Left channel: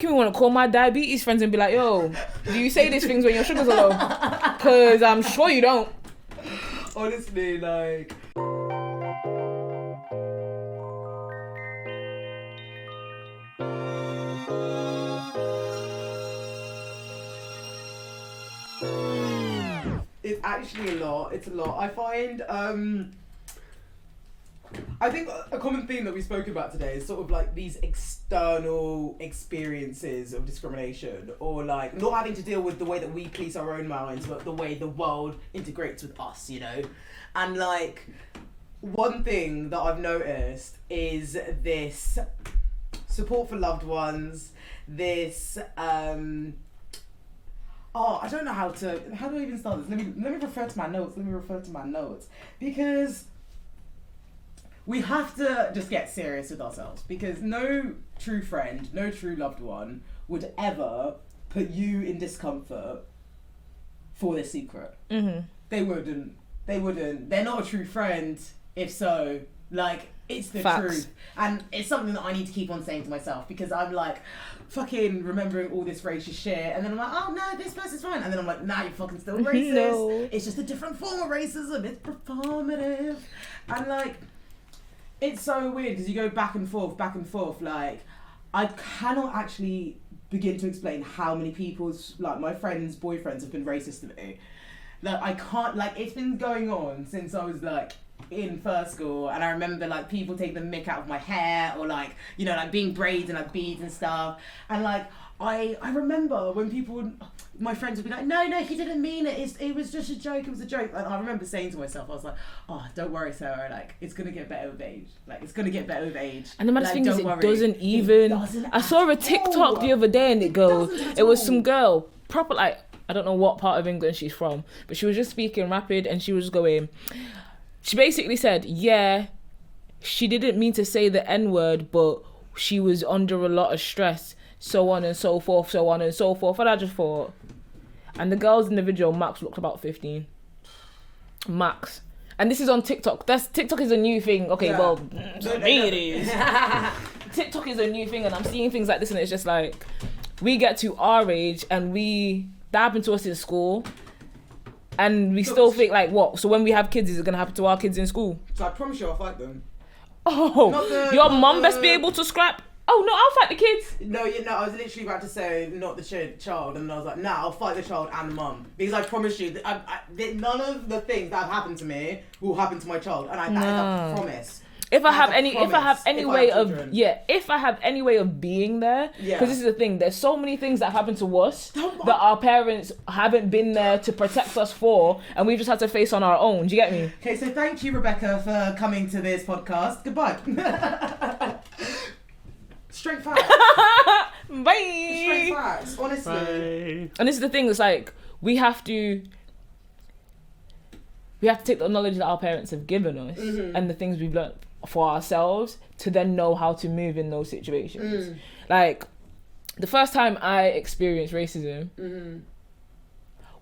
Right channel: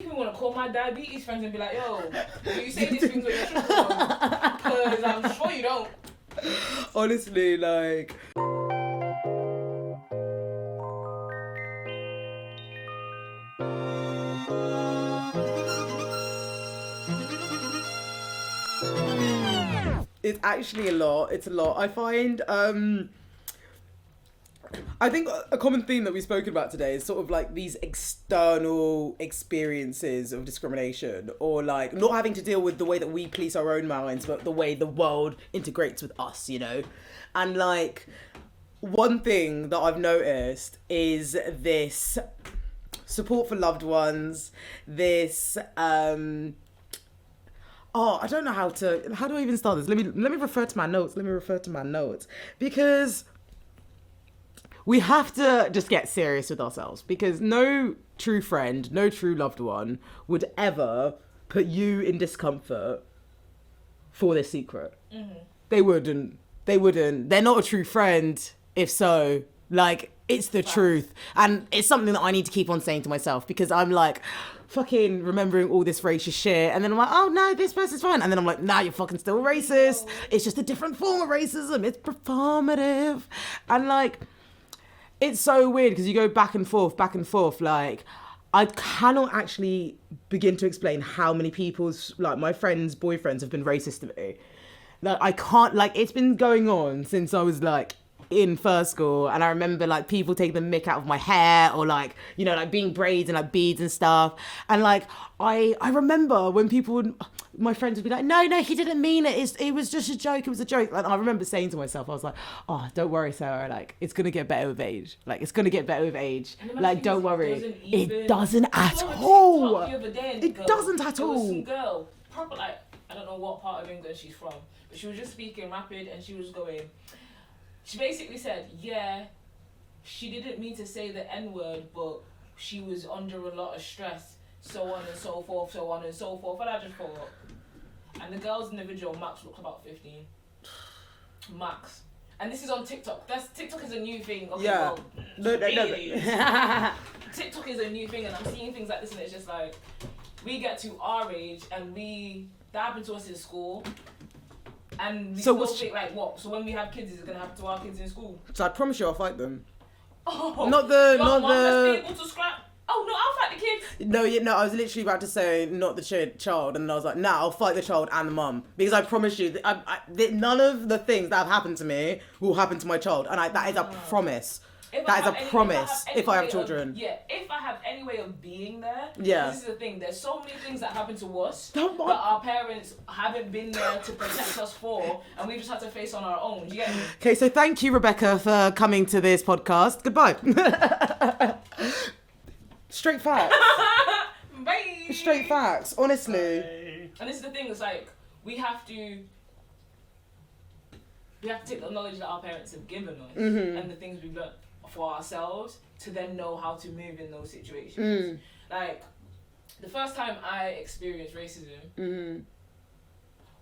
me want to call my diabetes friends and be like, yo, do you say these things when your sugars are low? Because I'm sure you don't. Honestly, like... It's actually a lot. It's a lot. I find... I think a common theme that we've spoken about today is sort of like these external experiences of discrimination, or like not having to deal with the way that we police our own minds, but the way the world integrates with us, you know? And like, one thing that I've noticed is this support for loved ones, this, I don't know how do I even start this? Let me refer to my notes. Because we have to just get serious with ourselves, because no true friend, no true loved one would ever put you in discomfort for their secret. Mm-hmm. They wouldn't. They're not a true friend if so. Like, it's the Facts. truth. And it's something that I need to keep on saying to myself, because I'm like fucking remembering all this racist shit, and then I'm like, oh no, this person's fine, and then I'm like, nah, you're fucking still racist. No. It's just a different form of racism. It's performative. And like, it's so weird because you go back and forth. Like, I cannot actually begin to explain how many people's, like, my friends' boyfriends have been racist to me. Like, I can't, like, it's been going on since I was, like, in first school, and I remember, like, people taking the mick out of my hair, or, like, you know, like, being braids and, like, beads and stuff. And, like, I remember when people would, my friends would be like, no, he didn't mean it. It was just a joke. It was a joke. And I remember saying to myself, I was like, oh, don't worry, Sarah. Like, it's going to get better with age. And the maddest thing is, it doesn't I saw a TikTok the other day, and it was some girl, proper, like, I don't know what part of England she's from, but she was just speaking rapid, and she was going, she basically said, yeah, she didn't mean to say the N-word, but she was under a lot of stress, so on and so forth. And I just thought, and the girl's in the video, Max, looked about 15. Max. And this is on TikTok. TikTok is a new thing. Okay, yeah. Well, it is. TikTok is a new thing, and I'm seeing things like this, and it's just like, we get to our age, and that happened to us in school, and we still think like, what? So when we have kids, is it going to happen to our kids in school? So I promise you I'll fight them. Oh, your mum best be able to scrap. Oh, no, I'll fight the kids. No, I was literally about to say not the child, and I was like, nah, I'll fight the child and the mum. Because I promise you, that none of the things that have happened to me will happen to my child. And that is a promise. If I have any way of being there, because this is the thing, there's so many things that happen to us that our parents haven't been there to protect us for, and we've just had to face on our own. Do you get me? Okay, so thank you, Rebecca, for coming to this podcast. Goodbye. Straight facts. Bye. Straight facts, honestly. Bye. And this is the thing, it's like, we have to take the knowledge that our parents have given us, mm-hmm. and the things we've learned for ourselves to then know how to move in those situations. Like, the first time I experienced racism, mm-hmm.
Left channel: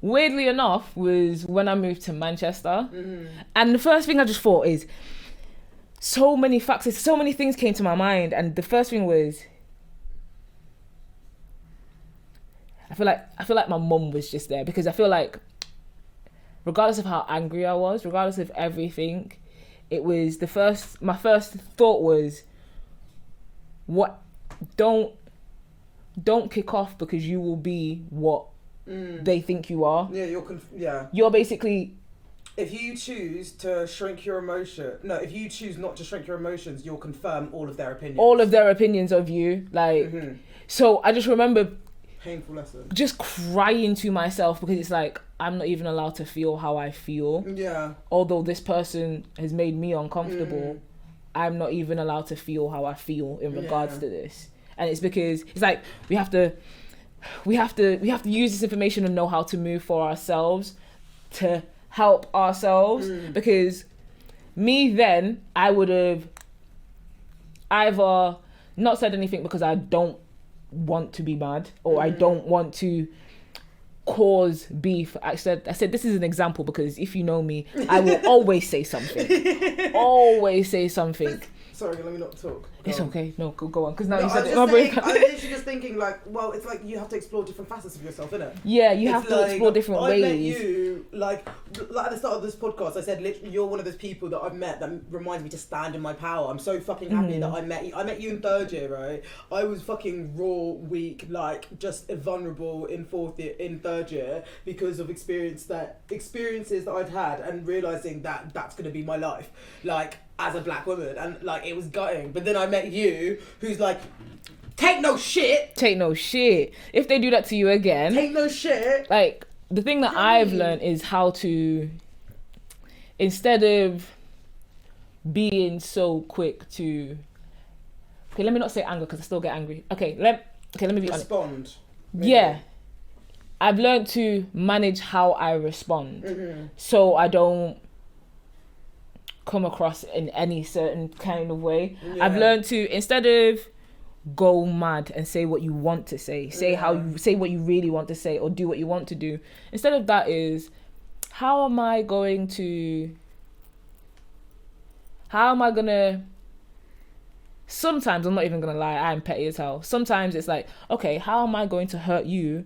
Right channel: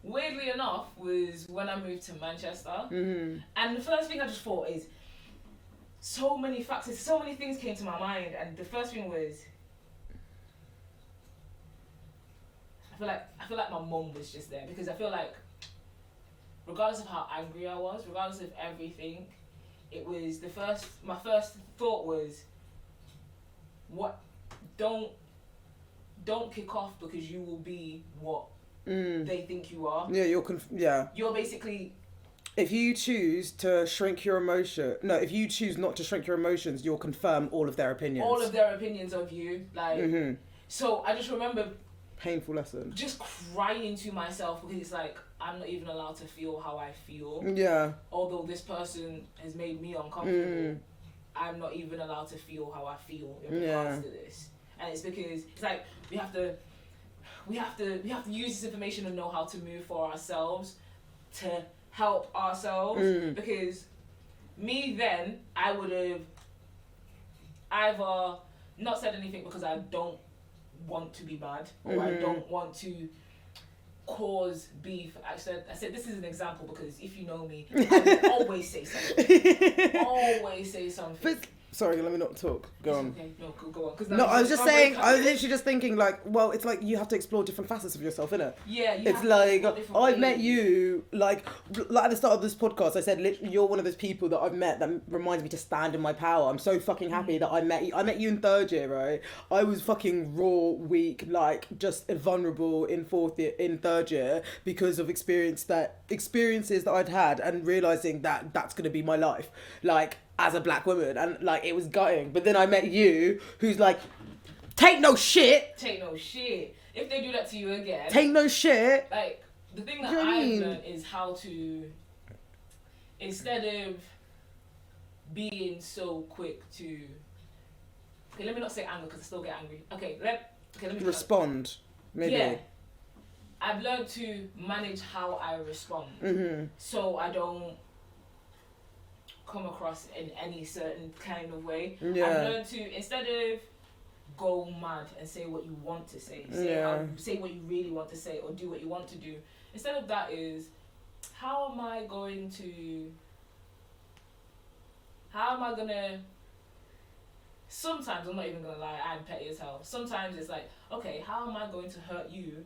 weirdly enough, was when I moved to Manchester. Mm-hmm. And the first thing I just thought is, so many factors, so many things came to my mind, and the first thing was, I feel like my mum was just there, because I feel like, regardless of how angry I was, regardless of everything, it was my first thought was, what, don't kick off, because you will be what they think you are. Yeah, you're basically, if you choose to shrink your if you choose not to shrink your emotions, you'll confirm all of their opinions of you. Like, mm-hmm. So I just remember, painful lesson, just crying to myself, because it's like, I'm not even allowed to feel how I feel. Yeah. Although this person has made me uncomfortable, I'm not even allowed to feel how I feel in regards to this. And it's because it's like, we have to use this information and know how to move for ourselves, to help ourselves. Because me then, I would have either not said anything because I don't want to be mad, or I don't want to cause beef. I said this is an example, because if you know me, I will always say something. Sorry, let me not talk. It's okay. No, go on. Because now No, you I was said just saying, I was literally just thinking, like, well, it's like you have to explore different facets of yourself, innit? Yeah, you have to explore different ways. I met you, like at the start of this podcast, I said, literally, you're one of those people that I've met that reminds me to stand in my power. I'm so fucking happy that I met you. I met you in third year, right? I was fucking raw, weak, like, just vulnerable in third year because of experiences that I'd had and realising that that's going to be my life. Like, as a black woman, and like it was gutting. But then I met you, who's like, take no shit. If they do that to you again, take no shit. Like, the thing that I've learned is how to, instead of being so quick to, okay, let me not say anger because I still get angry. Okay, let me be respond. Maybe. Yeah, I've learned to manage how I respond, so I don't come across in any certain kind of way. Yeah. I've learned to, instead of go mad and say what you want to say, say what you really want to say, or do what you want to do. Instead of that is, how am I gonna sometimes, I'm not even gonna lie, I'm petty as hell. Sometimes it's like, okay, how am I going to hurt you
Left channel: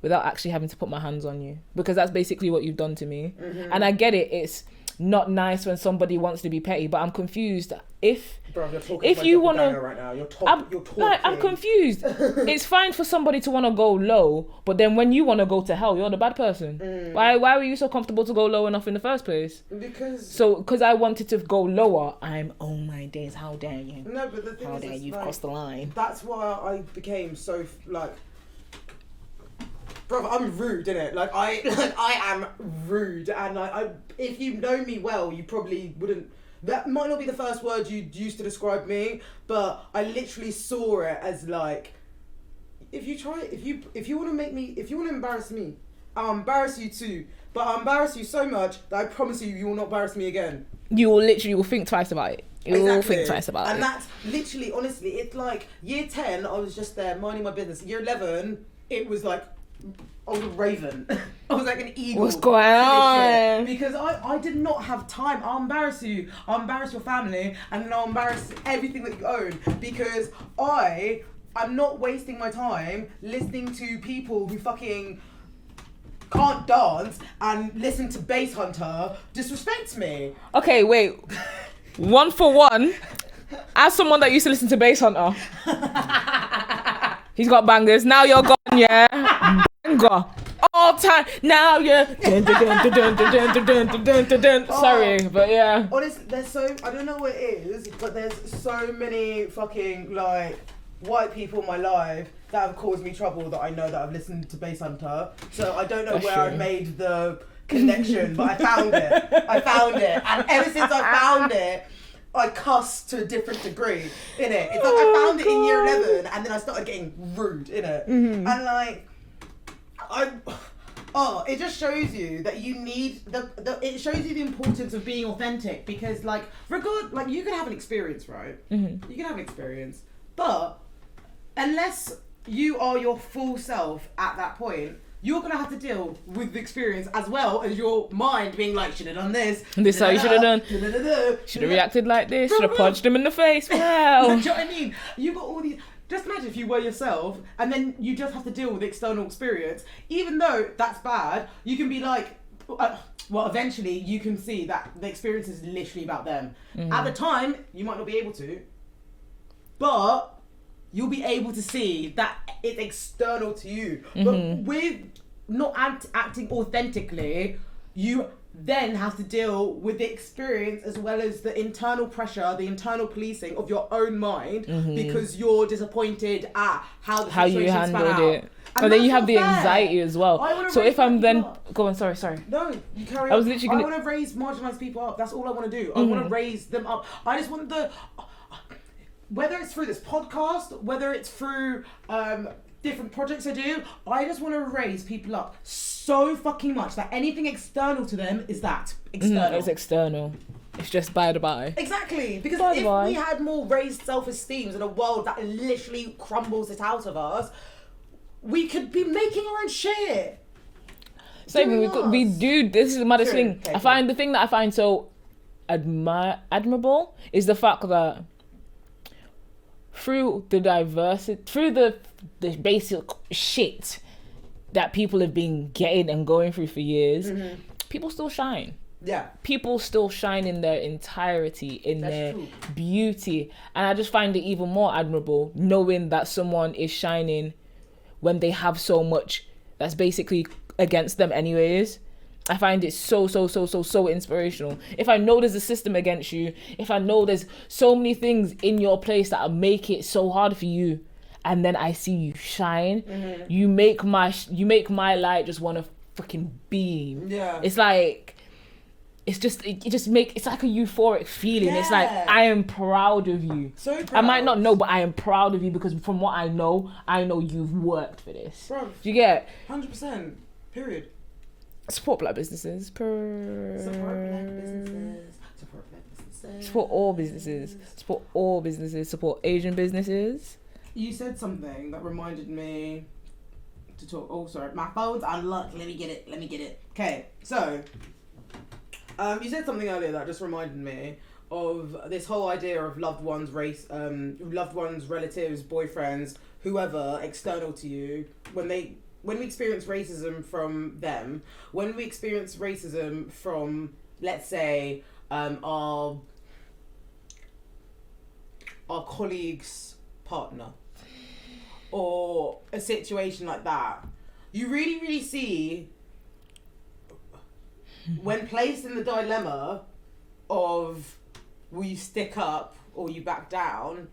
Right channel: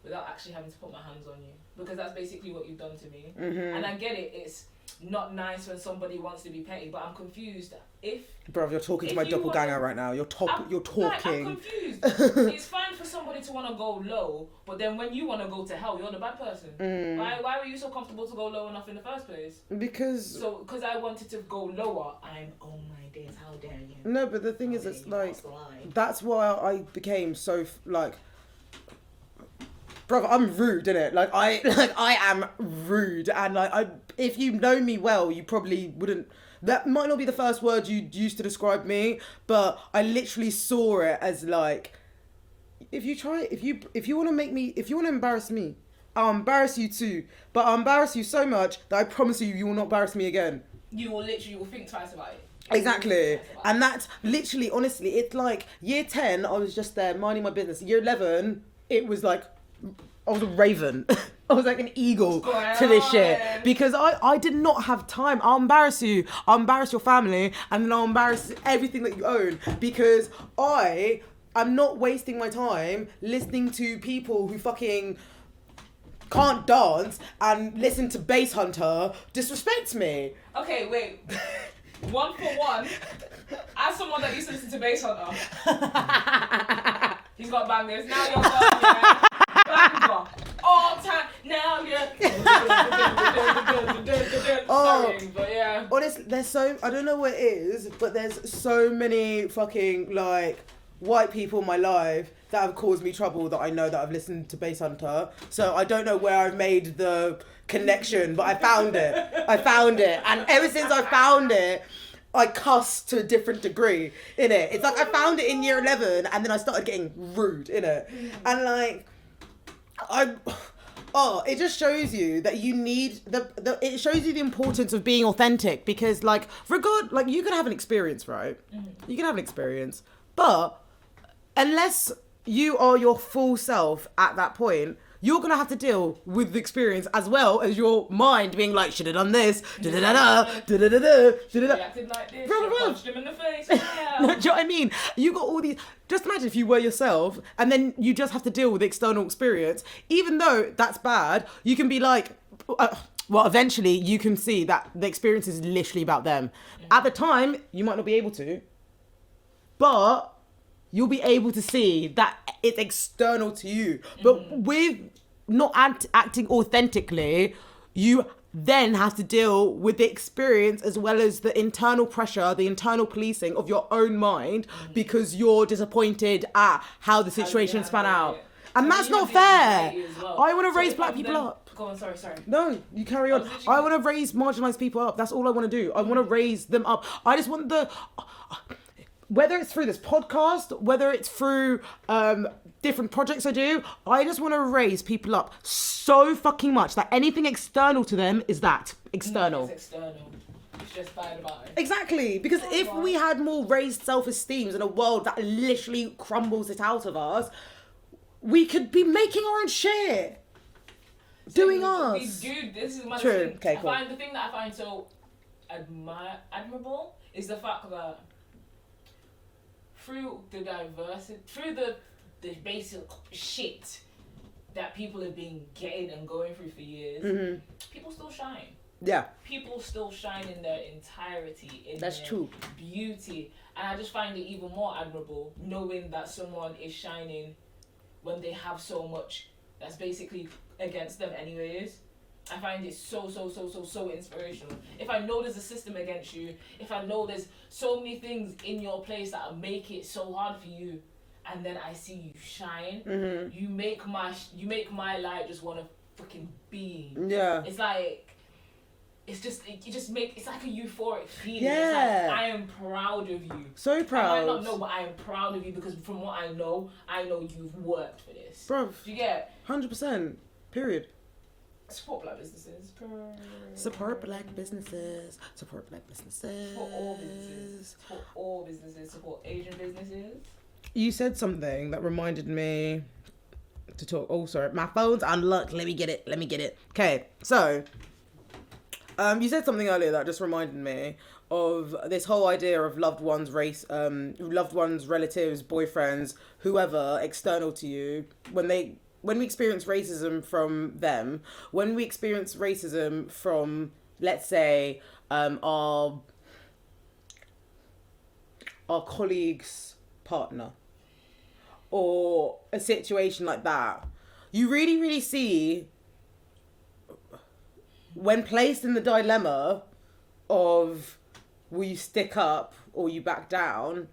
without actually having to put my hands on you? Because that's basically what you've done to me. And I get it, it's not nice when somebody wants to be petty, but I'm confused. Bro, you're talking to my doppelganger right now. You're talking. Like, I'm confused. It's fine for somebody to want to go low, but then when you want to go to hell, you're the bad person. Why were you so comfortable to go low enough in the first place? Because I wanted to go lower. Oh my days, how dare you? No, but the thing is, you've crossed the line. That's why I became so like. Bro, I'm rude, innit? I am rude, and if you know me well, you probably wouldn't. That might not be the first word you'd use to describe me, but I literally saw it as like, if you want to embarrass me, I'll embarrass you too. But I'll embarrass you so much that I promise you will not embarrass me again. You will think twice about it. Exactly. And that's literally, honestly, it's like year 10, I was just there minding my business. Year 11, it was like, I was a raven. I was like an eagle to this shit. Because I did not have time. I'll embarrass you. I'll embarrass your family. And then I'll embarrass everything that you own. Because I'm not wasting my time listening to people who fucking can't dance and listen to Bass Hunter disrespect me. Okay, wait. One for one. As someone that used to listen to Bass Hunter. He's got bangers. Now you're gone, yeah. Banger. All time. Now you're. Sorry, but yeah. Honestly, I don't know what it is, but there's so many fucking, like, white people in my life that have caused me trouble that I know that I've listened to Bass Hunter. So I don't know where I've made the connection, but I found it. And ever since I found it, I cuss to a different degree, innit? It's like I found it in year 11 and then I started getting rude, innit? And like, it just shows you that you need, it shows you the importance of being authentic because like, you can have an experience, right? You can have an experience, but unless you are your full self at that point, you're going to have to deal with the experience as well as your mind being like, should have done this. Should have reacted like this. Should have punched him in the face. Well. Do you know what I mean? You got all these... Just imagine if you were yourself and then you just have to deal with the external experience. Even though that's bad, you can be like... eventually you can see that the experience is literally about them. At the time, you might not be able to. But... you'll be able to see that it's external to you. But with not acting authentically, you then have to deal with the experience as well as the internal pressure, the internal policing of your own mind because you're disappointed at how the situation span out. And then you have the anxiety as well. I want to raise Go on, sorry. No, you carry on. I want to raise marginalised people up. That's all I want to do. I want to raise them up. I just want whether it's through this podcast, whether it's through different projects I do, I just want to raise people up so fucking much that anything external to them is that external. It's external. It's just by the by. Exactly. Because if we had more raised self-esteems in a world that literally crumbles it out of us, we could be making our own shit. So this is the maddest thing. Okay, the thing that I find so admirable is the fact that through the diversity, through the basic shit that people have been getting and going through for years, people still shine. Yeah. People still shine in their entirety, in their beauty. And I just find it even more admirable knowing that someone is shining when they have so much that's basically against them anyways. I find it so inspirational. If I know there's a system against you, if I know there's so many things in your place that make it so hard for you, and then I see you shine, you make my light just want to fucking beam. Yeah. It's like, it's like a euphoric feeling. Yeah. It's like, I am proud of you. So proud. I might not know, but I am proud of you because from what I know you've worked for this. Bro. Do you get? 100%. Period. Support black businesses. Support black businesses. Support black businesses. Support all businesses. Support all businesses. Support Asian businesses. You said something that reminded me to talk. Oh, sorry. My phone's unlocked. Let me get it. Okay, so you said something earlier that just reminded me of this whole idea of loved ones, relatives, boyfriends, whoever external to you, when we experience racism from them, when we experience racism from, let's say, our colleague's partner, or a situation like that, you really, really see, when placed in the dilemma of will you stick up or you back down,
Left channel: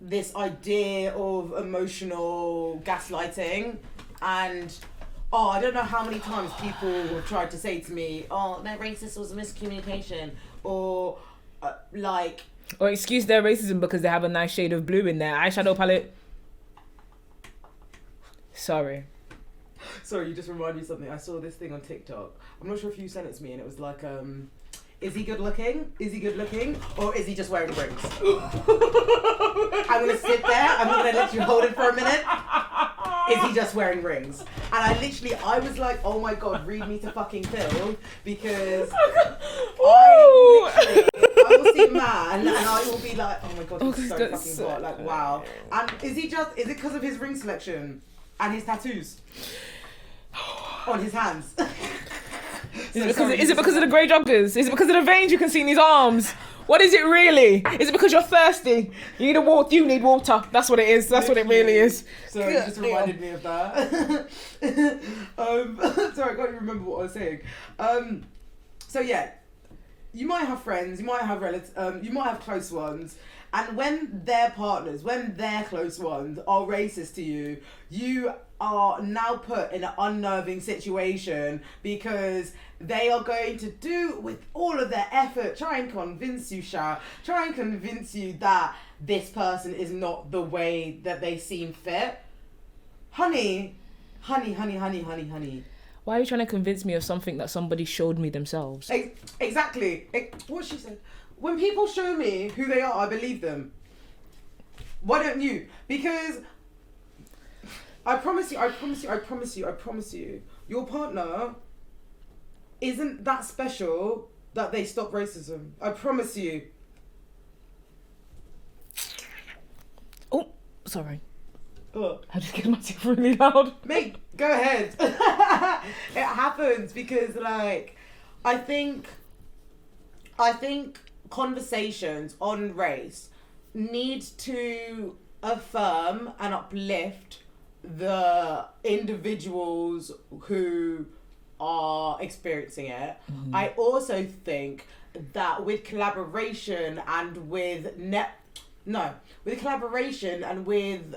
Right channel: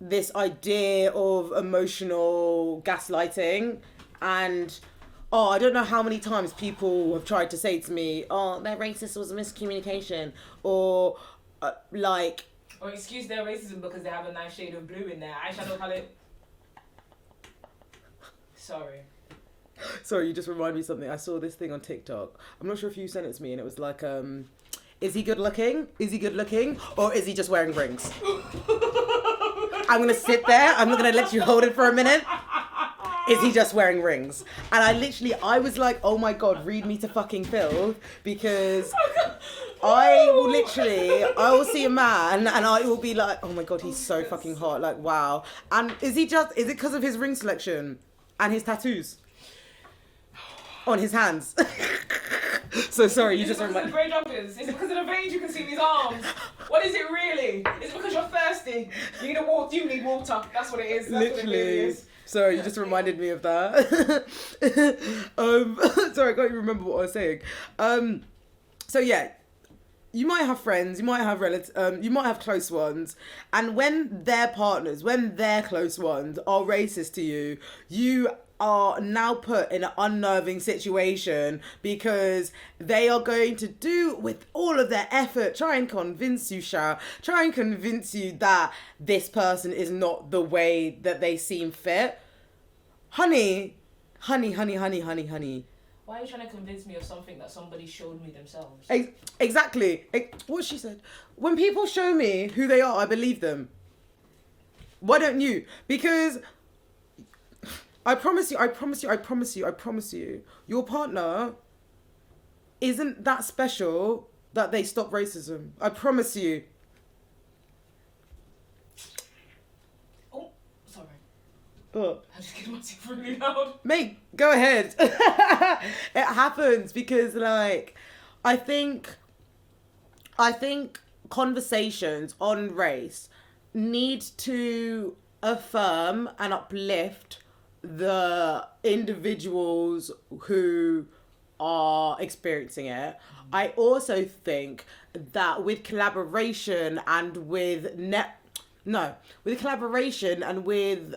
this idea of emotional gaslighting. And I don't know how many times people have tried to say to me, they're racist, was a miscommunication, or or excuse their racism because they have a nice shade of blue in their eyeshadow palette. Sorry, you just reminded me of something. I saw this thing on TikTok. I'm not sure if you sent it to me, and it was like, is he good looking? Or is he just wearing rings? I'm gonna sit there. I'm not gonna let you hold it for a minute. Is he just wearing rings? And I was like, oh my God, read me to fucking Phil, because I will see a man and I will be like, oh my God, he's so fucking hot. Like, wow. And is it because of his ring selection and his tattoos on his hands? Is it because of the grey joggers? Is it because of the veins you can see in his arms? What is it really? Is it because you're thirsty? You need water. That's what it is. That's what it really is. So you just reminded me of that. Sorry, I can't even remember what I was saying. So yeah, you might have friends, you might have relatives, you might have close ones, and when their partners, when their close ones are racist to you, you are now put in an unnerving situation because they are going to do with all of their effort try and convince you that this person is not the way that they seem fit. Honey. Why are you trying to convince me of something that somebody showed me themselves? Exactly. What she said. When people show me who they are, I believe them. Why don't you? Because I promise you, your partner isn't that special that they stop racism. I promise you. Oh, sorry. What? I just get myself really loud. Mate, go ahead. It happens because, like, I think conversations on race need to affirm and uplift the individuals who are experiencing it. I also think that with collaboration and with collaboration and with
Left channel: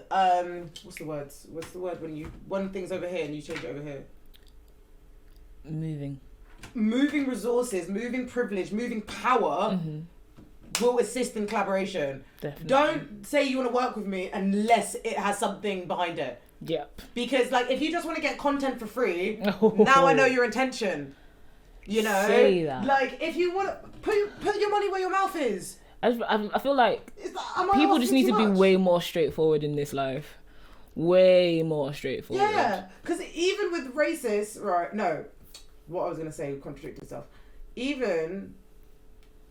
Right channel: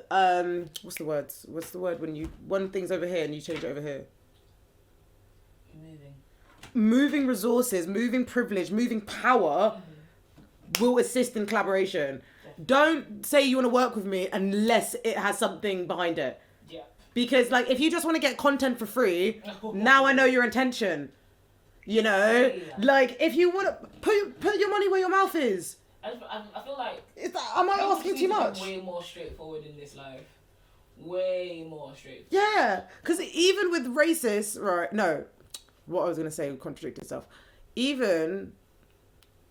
what's the word when you one thing's over here and you change it over here? Moving resources, moving privilege, moving power will assist in collaboration. Definitely. Don't say you want to work with me unless it has something behind it. Yep. Because, like, if you just want to get content for free, now I know your intention. You know? Say that. Like, if you want to put your money where your mouth is. I feel like people just need to be way more straightforward in this life. Way more straightforward. Yeah. Because even with racists, right, no. What I was going to say would contradict itself. Even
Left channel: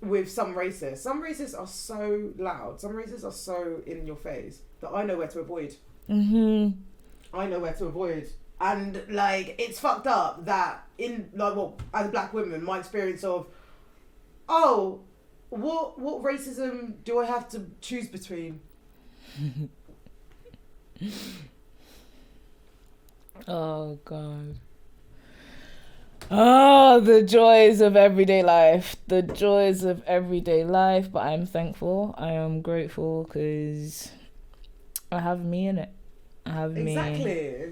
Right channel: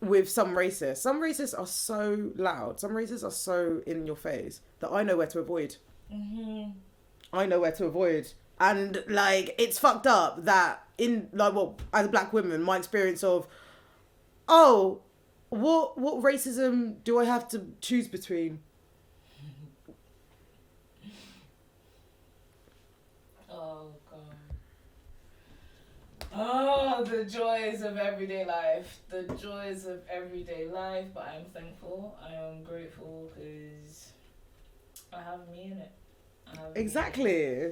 with some racists. Some racists are so loud. Some racists are so in your face that I know where to avoid. I know where to avoid. And, like, it's fucked up that as a black woman, my experience of, what racism do I have to choose between? Oh, God. Oh, the joys of everyday life. The joys of everyday life. But I'm thankful. I am grateful because I have me in it. I have me. Exactly.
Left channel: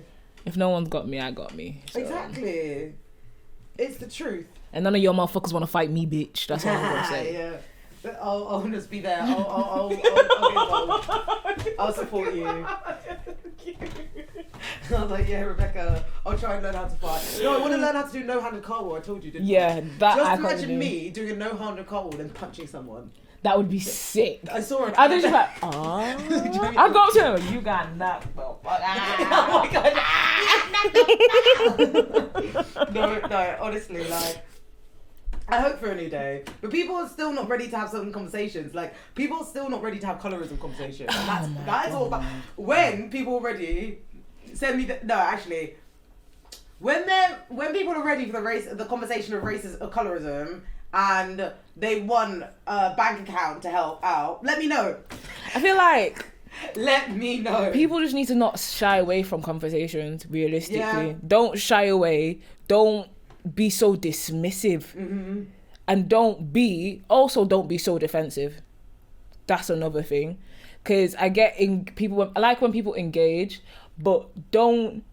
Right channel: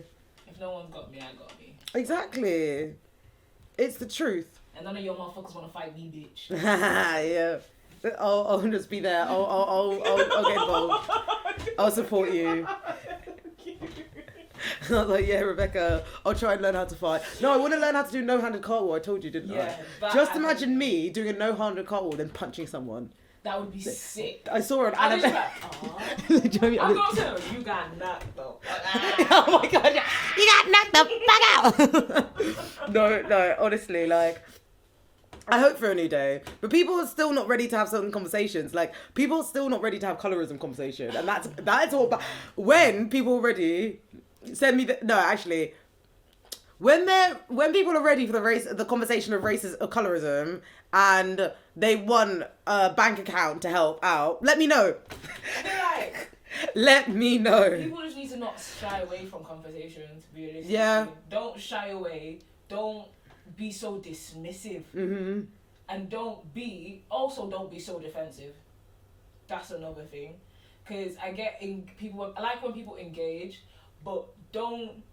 If no one's got me, I got me. So. Exactly. It's the truth. And none of your motherfuckers want to fight me, bitch. That's what I'm gonna say. Yeah. I'll just be there. I'll get involved. I'll support you. I was like, yeah, Rebecca, I'll try and learn how to fight. No, I want to learn how to do no-handed cartwheel. I told you, didn't I? Yeah, that just imagine me doing a no-handed cartwell and punching someone. That would be sick. I saw her. I was just like, I'll go to him. You got knocked the fuck out. Oh my god, you got knocked the fuck out. No, honestly, like, I hope for a new day, but people are still not ready to have certain conversations. Like, people are still not ready to have colorism conversations, and that's all about. When people are ready, send me the. No, actually, when people are ready for the conversation of colorism, and they want a bank account to help out, let me know. I feel like let me know. People just need to not shy away from conversations. Realistically, don't shy away. Don't be so dismissive, and don't be so defensive. That's another thing, because I like when people engage, but don't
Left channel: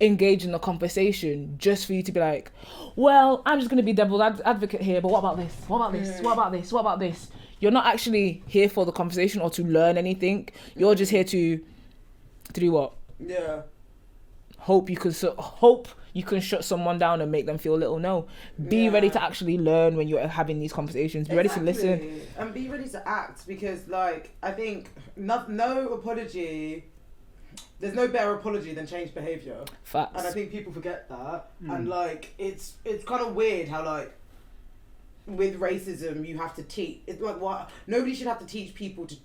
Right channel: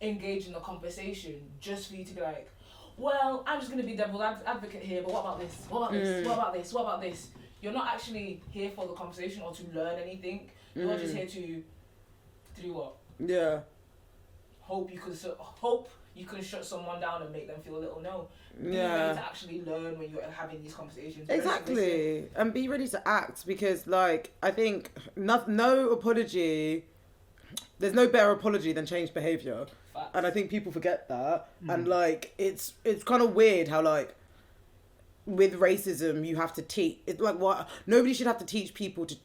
engage in the conversation just for you to be like, well, I'm just going to be devil's advocate here, but what about this? What about this? What about this? What about this? You're not actually here for the conversation or to learn anything. You're just here to do what? Yeah. Hope you can shut someone down and make them feel little. No. Be ready to actually learn when you're having these conversations. Be ready to listen. And be ready to act, because, like, I think no apology... There's no better apology than changed behaviour. Facts. And I think people forget that. And, like, it's kind of weird how, like, with racism, you have to teach... It's like, what? Nobody should have to teach people to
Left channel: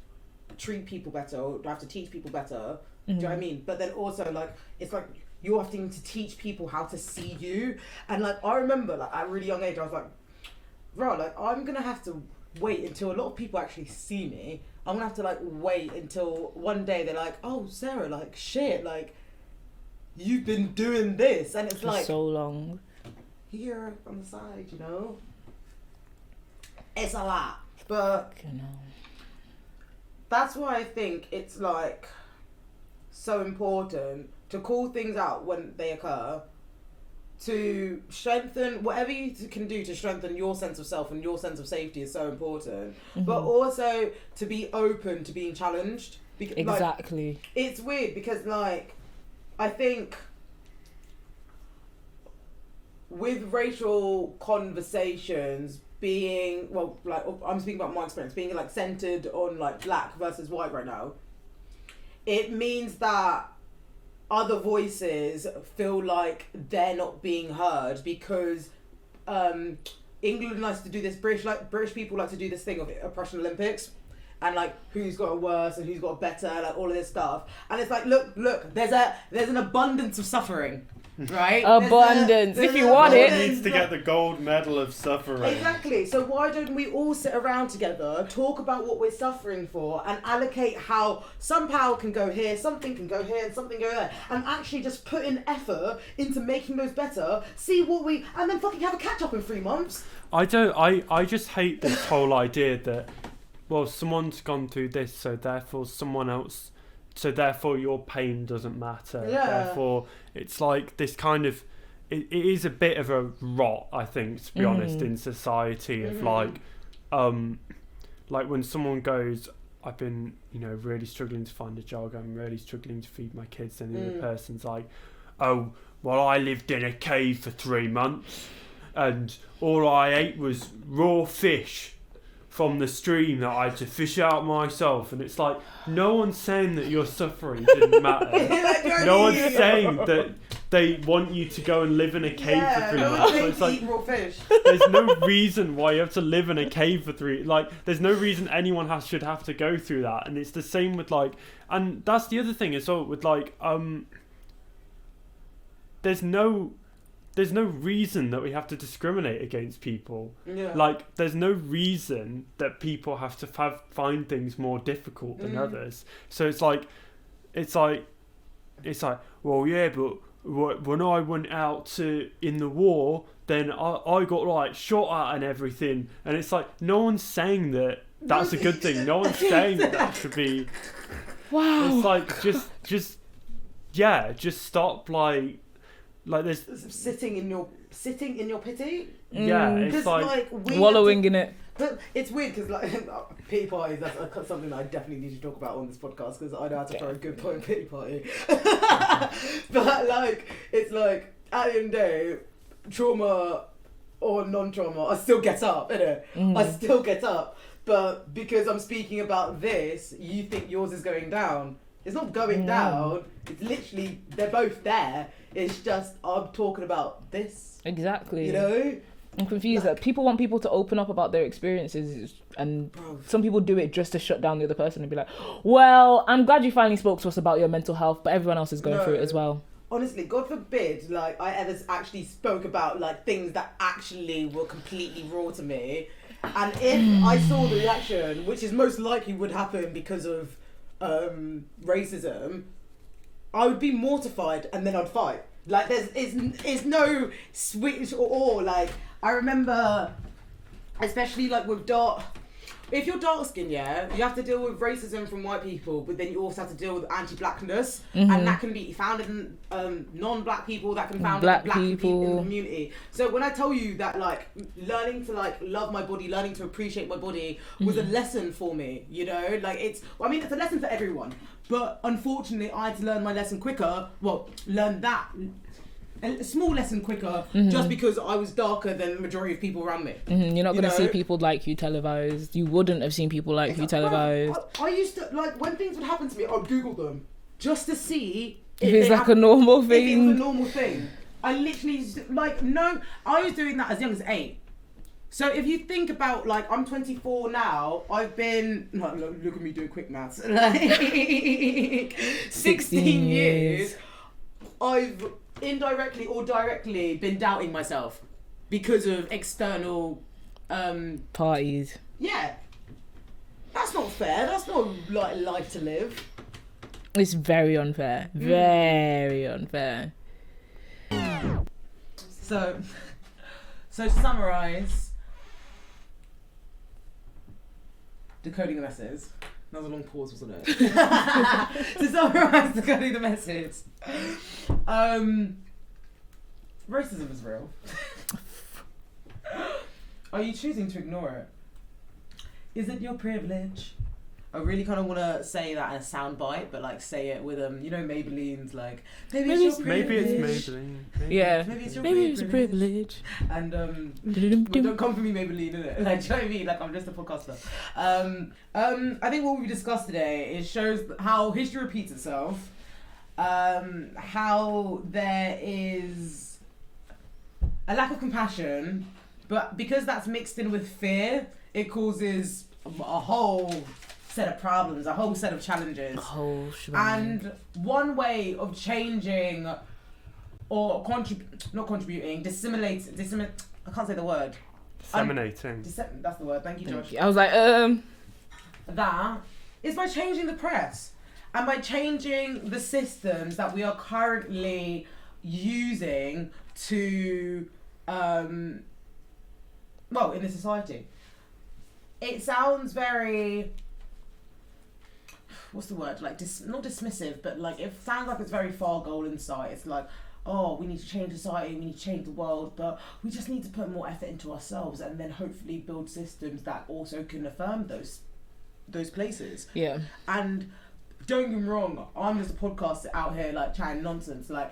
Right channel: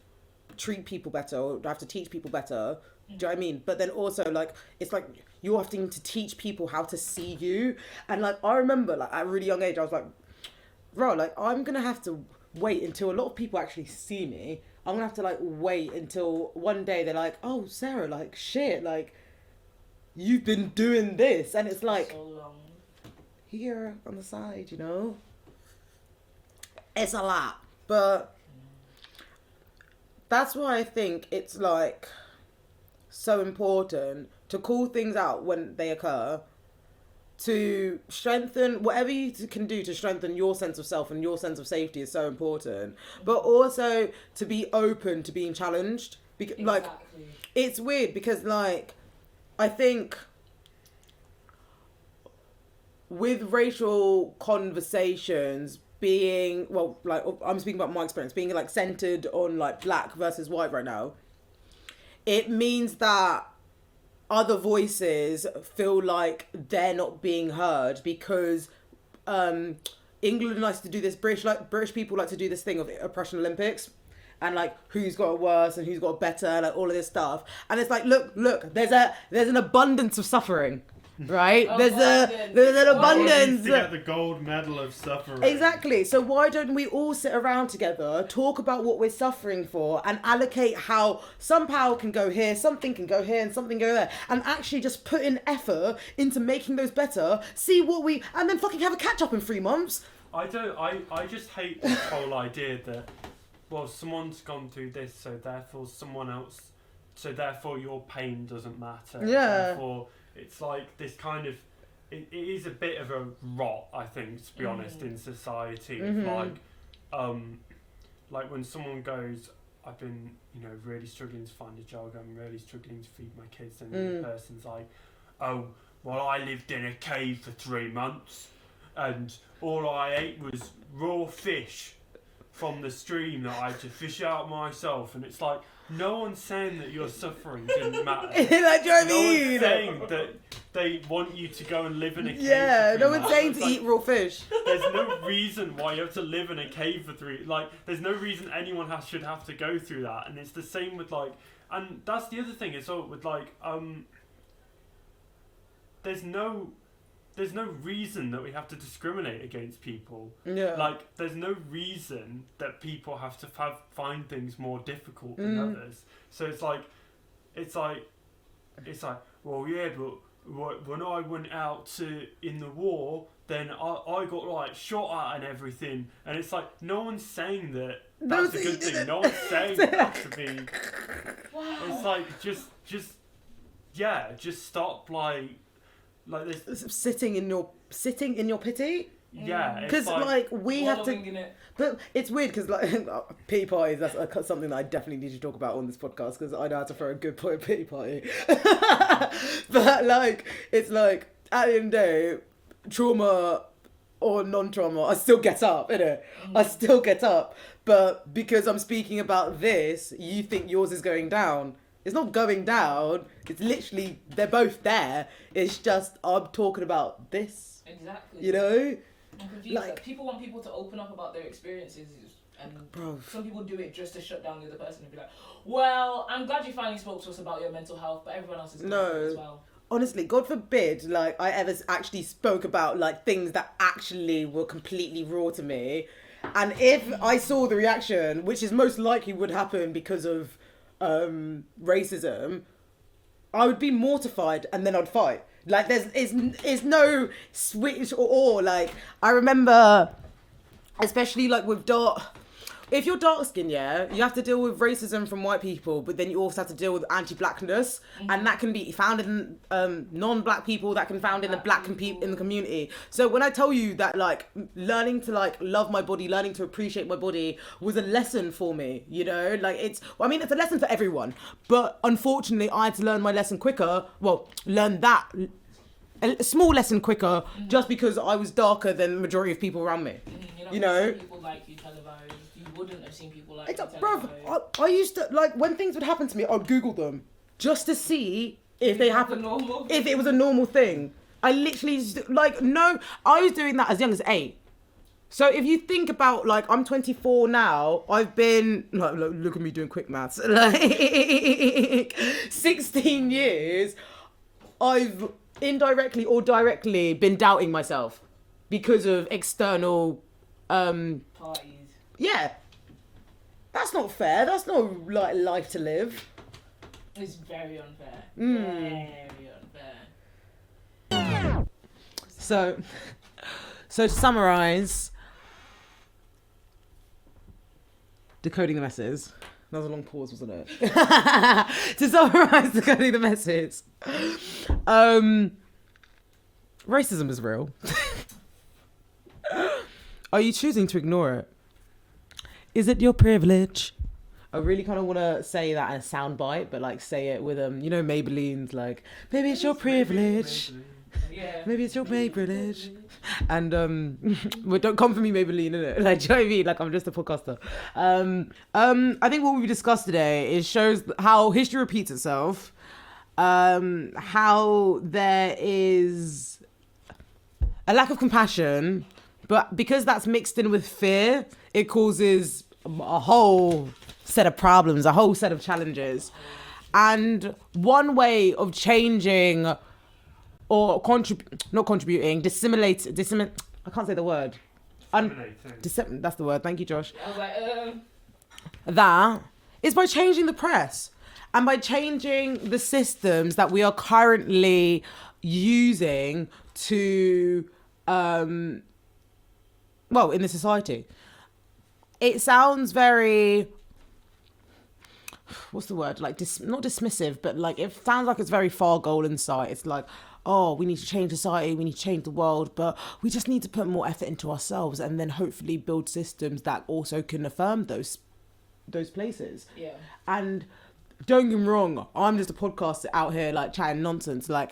treat people better or have to teach people better. Do you know what I mean? But then also, like, it's like you're having to teach people how to see you. And, like, I remember, like, at a really young age, I was like, bro, like, I'm going to have to wait until a lot of people actually see me. I'm gonna have to, like, wait until one day they're like, oh, Sarah, like, shit, like, you've been doing this. And it's like, so long. Here on the side, you know? It's a lot. But that's why I think it's, like, so important to call things out when they occur, to strengthen whatever you can do to strengthen your sense of self and your sense of safety is so important. But also to be open to being challenged. Exactly. Like, it's weird because, like, I think with racial conversations being, well, like, I'm speaking about my experience, being, like, centered on, like, black versus white right now, it means that other voices feel like they're not being heard because England likes to do this, British people like to do this thing of oppression Olympics, and, like, who's got it worse and who's got it better, like, all of this stuff. And it's like, look, there's an abundance of suffering. Right? Abundance. If you want it. Needs to get the gold medal of suffering. Exactly. So why don't we all sit around together, talk about what we're suffering for, and allocate how some power can go here, something can go here, and something go there, and actually just put in effort into making those better. See and then fucking have a catch up in 3 months. I just hate this whole idea that, well, someone's gone through this, so therefore your pain doesn't matter. Yeah. Therefore, it's like this kind of, it is a bit of a rot, I think, to be honest, in society of like when someone goes, I've been, really struggling to find a job, I'm really struggling to feed my kids, and the other person's like, oh, well, I lived in a cave for 3 months, and all I ate was raw fish from the stream that I had to fish out myself. And it's like, no one's saying that your suffering didn't matter. No one's saying that they want you to go and live in a cave Yeah, for 3 no months. one's But saying it's to eat raw fish. there's no reason why you have to live in a cave for there's no reason anyone should have to go through that. And it's the same with like, and that's the other thing as well with like, there's no reason that we have to discriminate against people. Yeah. Like, there's no reason that people have to find things more difficult than others. So it's like, well, yeah, but when I went out in the war, then I got like shot at and everything. And it's like, no one's saying that that's a good thing. No one's saying that should be. Wow. It's like, just stop like there's sitting in your pity. Yeah, it's Because like we wallowing in it. But it's weird because like pity parties, that's something that I definitely need to talk about on this podcast because I know how to throw a good point pity party. But like it's like at the end of the day, trauma or non-trauma, I still get up, innit? I still get up. But because I'm speaking about this, you think yours is going down. It's not going down. It's literally, they're both there. It's just, I'm talking about this. Exactly. You know? I'm confused. Like, people want people to open up about their experiences, and some people do it just to shut down the other person and be like, well, I'm glad you finally spoke to us about your mental health, but everyone else is going through it as well. Honestly, God forbid, like, I ever actually spoke about, like, things that actually were completely raw to me. And if I saw the reaction, which is most likely would happen because of racism, I would be mortified and then I'd fight. Like, there's no switch or like, I remember, especially like with if you're dark skinned, yeah, you have to deal with racism from white people, but then you also have to deal with anti-blackness, and that can be found in non-black people, that can be found in the black people in the community. So when I tell you that, like, learning to like love my body, learning to appreciate my body was a lesson for me, you know, like it's a lesson for everyone, but unfortunately I had to learn my lesson quicker. Well, learn that. A small lesson quicker, just because I was darker than the majority of people around me. You're not going to see people like you televised. You wouldn't have seen people like you televised. I used to, like, when things would happen to me, I'd Google them just to see if it's like a normal thing. If it was a normal thing. I literally, I was doing that as young as 8. So if you think about, like, I'm 24 now, I've been, like, look at me doing quick maths, like, 16 years, I've indirectly or directly been doubting myself because of external parties. Yeah, that's not fair. That's not like life to live. It's very unfair. Very unfair. So to summarize, decoding the message. That was a long pause, wasn't it? To summarise, decoding the message. Racism is real. Are you choosing to ignore it? Is it your privilege? I really kind of want to say that in a soundbite, but like say it with Maybelline's like, maybe it's your privilege. Yeah. Maybe it's your privilege. And well, don't come for me, Maybelline, innit? Like, do you know what I mean? Like, I'm just a podcaster. I think what we've discussed today shows how history repeats itself. How there is a lack of compassion, but because that's mixed in with fear, it causes a whole set of problems, a whole set of challenges. And one way of changing or not contributing, I can't say the word. Disseminating. That's the word. Thank you, Josh. I was like, That is by changing the press and by changing the systems that we are currently using to, in the society. It sounds very, what's the word? Like, not dismissive, but like, it sounds like it's very Fergal in sight. It's like, oh, we need to change society, we need to change the world, but we just need to put more effort into ourselves and then hopefully build systems that also can affirm those places. Yeah. And don't get me wrong, I'm just a podcaster out here like chatting nonsense. Like,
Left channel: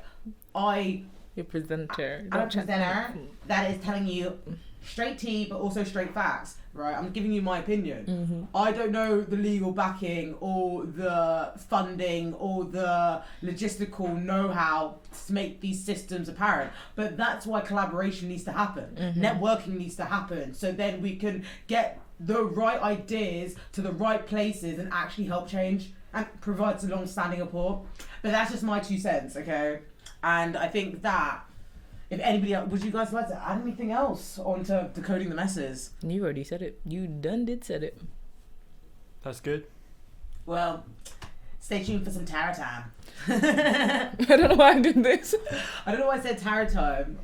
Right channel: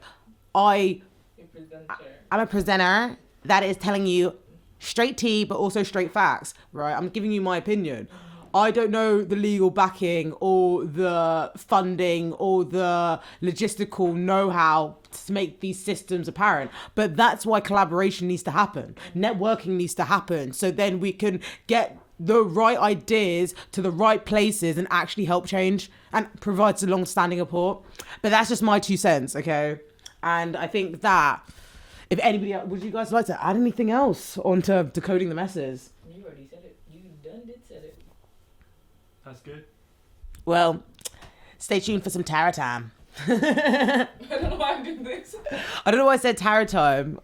I'm a presenter that is telling you straight tea, but also straight facts, right? I'm giving you my opinion. I don't know the legal backing or the funding or the logistical know-how to make these systems apparent, but that's why collaboration needs to happen. Networking needs to happen, so then we can get the right ideas to the right places and actually help change and provide some long-standing support. But that's just my 2 cents, okay? And I think that if anybody else, would you guys like to add anything else onto decoding the messes? You already said it. You said it. That's good. Well, stay tuned for some tarot time. I don't know why I did this. I don't know why I said tarot time.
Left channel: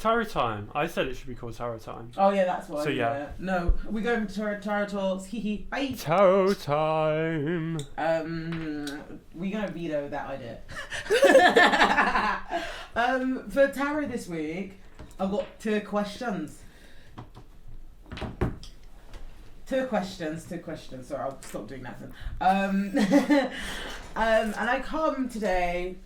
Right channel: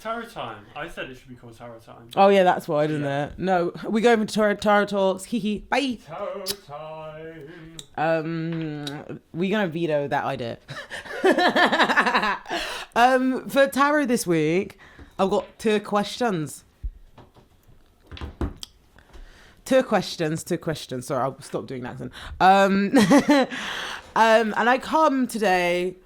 Tarot time. I said it should be called tarot time. Oh yeah, that's why, isn't yeah. it? No, we go over to tarot talks. Hee bye. Tarot time. We're gonna veto that idea. For tarot this week, I've got 2 questions. 2 questions. Sorry, I'll stop doing that then. And I come today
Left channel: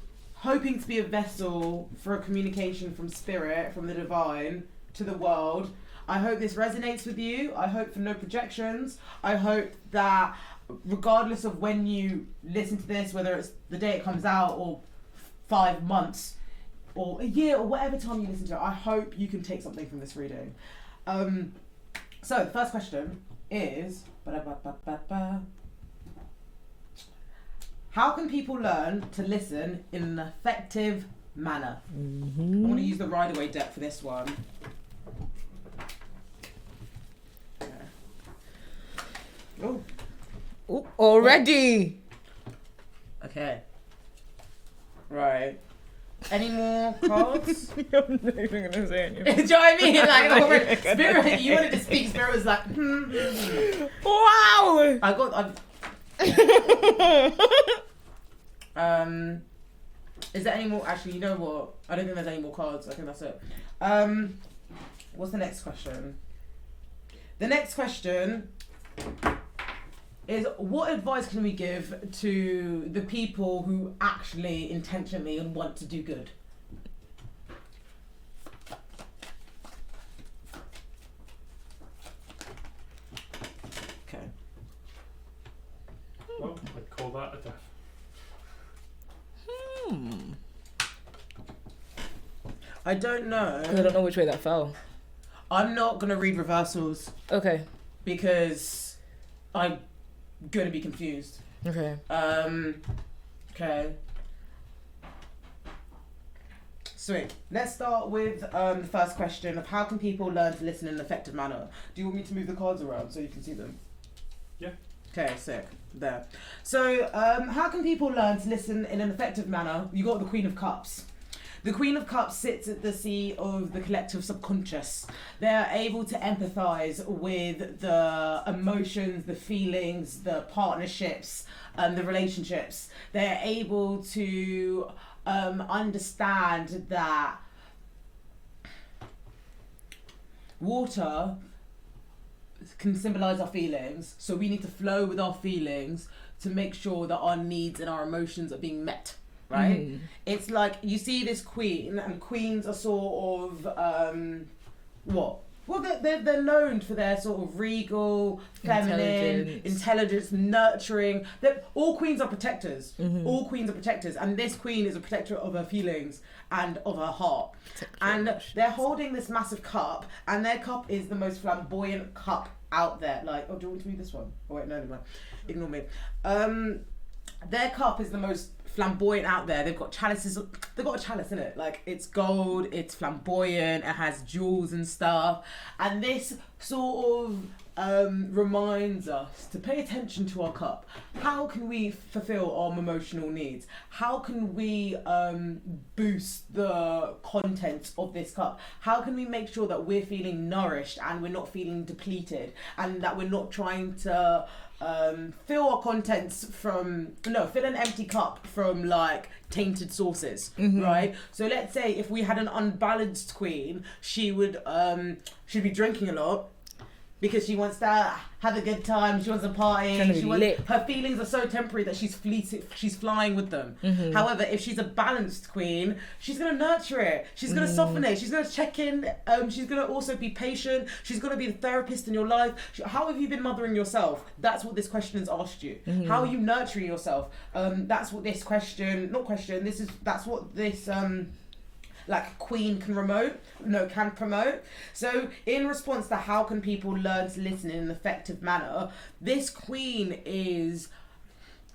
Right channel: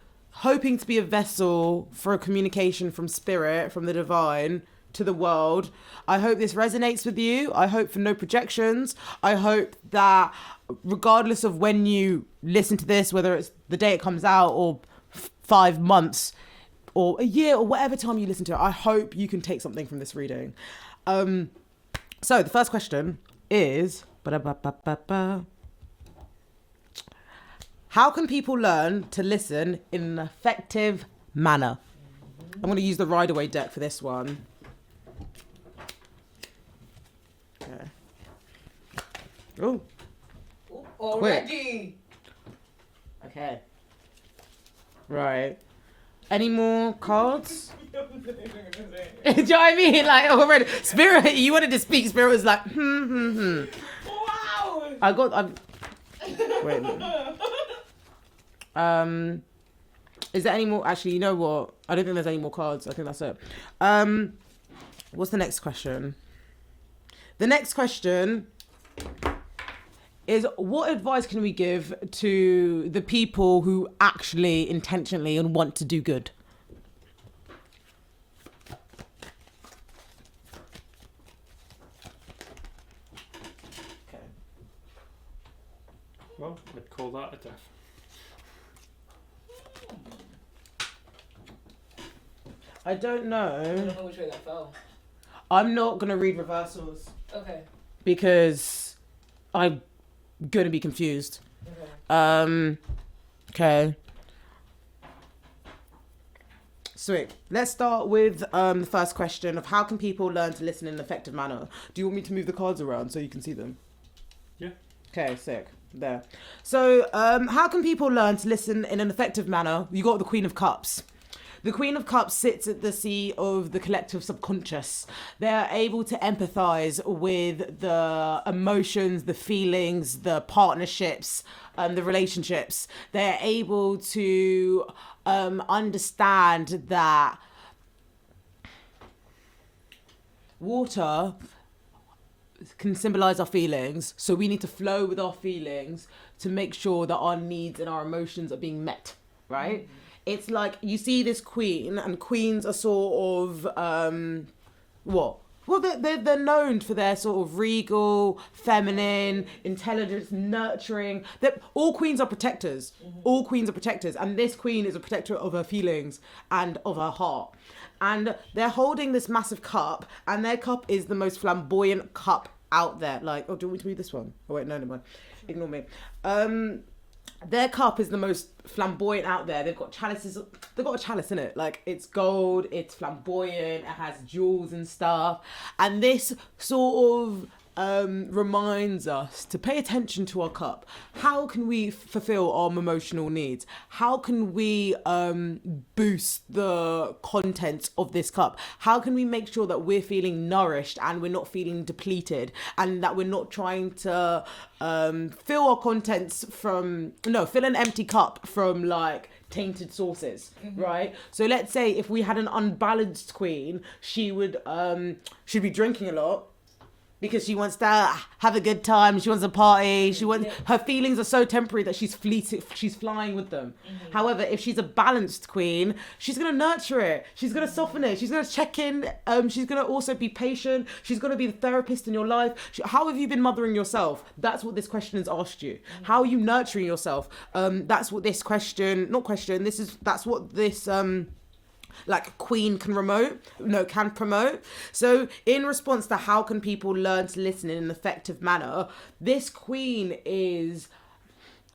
hoping to be a vessel for a communication from spirit, from the divine to the world. I hope this resonates with you. I hope for no projections. I hope that regardless of when you listen to this, whether it's the day it comes out or 5 months or a year or whatever time you listen to it, I hope you can take something from this reading. So the first question is, how can people learn to listen in an effective manner? I'm going to use the Rider-Waite deck for this one. Okay. Oh. Already. Okay. Right. Any more cards? I'm not even gonna say anything. Do you know what I mean? Like, over Spirit, you wanted to speak. Spirit was like, Wow. Is there any more? Actually, you know what? I don't think there's any more cards. I think that's it. What's the next question? The next question is, what advice can we give to the people who actually intentionally and want to do good? Okay. Well, I'd call that a death. I don't know. I don't know which way that fell. I'm not going to read reversals Okay. because I'm going to be confused. Okay. Okay. Sweet. Let's start with the first question of how can people learn to listen in an effective manner? Do you want me to move the cards around so you can see them? Yeah. Okay, sick. There. So, how can people learn to listen in an effective manner? You got the Queen of Cups. The Queen of Cups sits at the seat of the collective subconscious. They're able to empathize with the emotions, the feelings, the partnerships, the relationships. They're able to understand that water can symbolize our feelings, so we need to flow with our feelings to make sure that our needs and our emotions are being met. Right? It's like you see this queen, and queens are sort of what? Well, they're known for their sort of regal, feminine, intelligence, nurturing. All queens are protectors. All queens are protectors, and this queen is a protector of her feelings and of her heart. And they're holding this massive cup, and their cup is the most flamboyant cup out there. Like, oh, do you want me to read this one? Oh wait, no, never mind. Ignore me. Their cup is the most flamboyant out there. They've got chalices. They've got a chalice in it. Like, it's gold, it's flamboyant, it has jewels and stuff. And this sort of reminds us to pay attention to our cup. How can we fulfill our emotional needs? How can we boost the contents of this cup? How can we make sure that we're feeling nourished and we're not feeling depleted, and that we're not trying to fill our contents from, fill an empty cup from like tainted sources, right? So let's say if we had an unbalanced queen, she would she'd be drinking a lot, because she wants to have a good time. She wants a party. Lit. Her feelings are so temporary that she's flying with them. However, if she's a balanced queen, she's gonna nurture it. She's gonna soften it. She's gonna check in. She's gonna also be patient. She's gonna be the therapist in your life. How have you been mothering yourself? That's what this question has asked you. How are you nurturing yourself? That's what this question. That's what this like queen can promote. So in response to how can people learn to listen in an effective manner, this queen is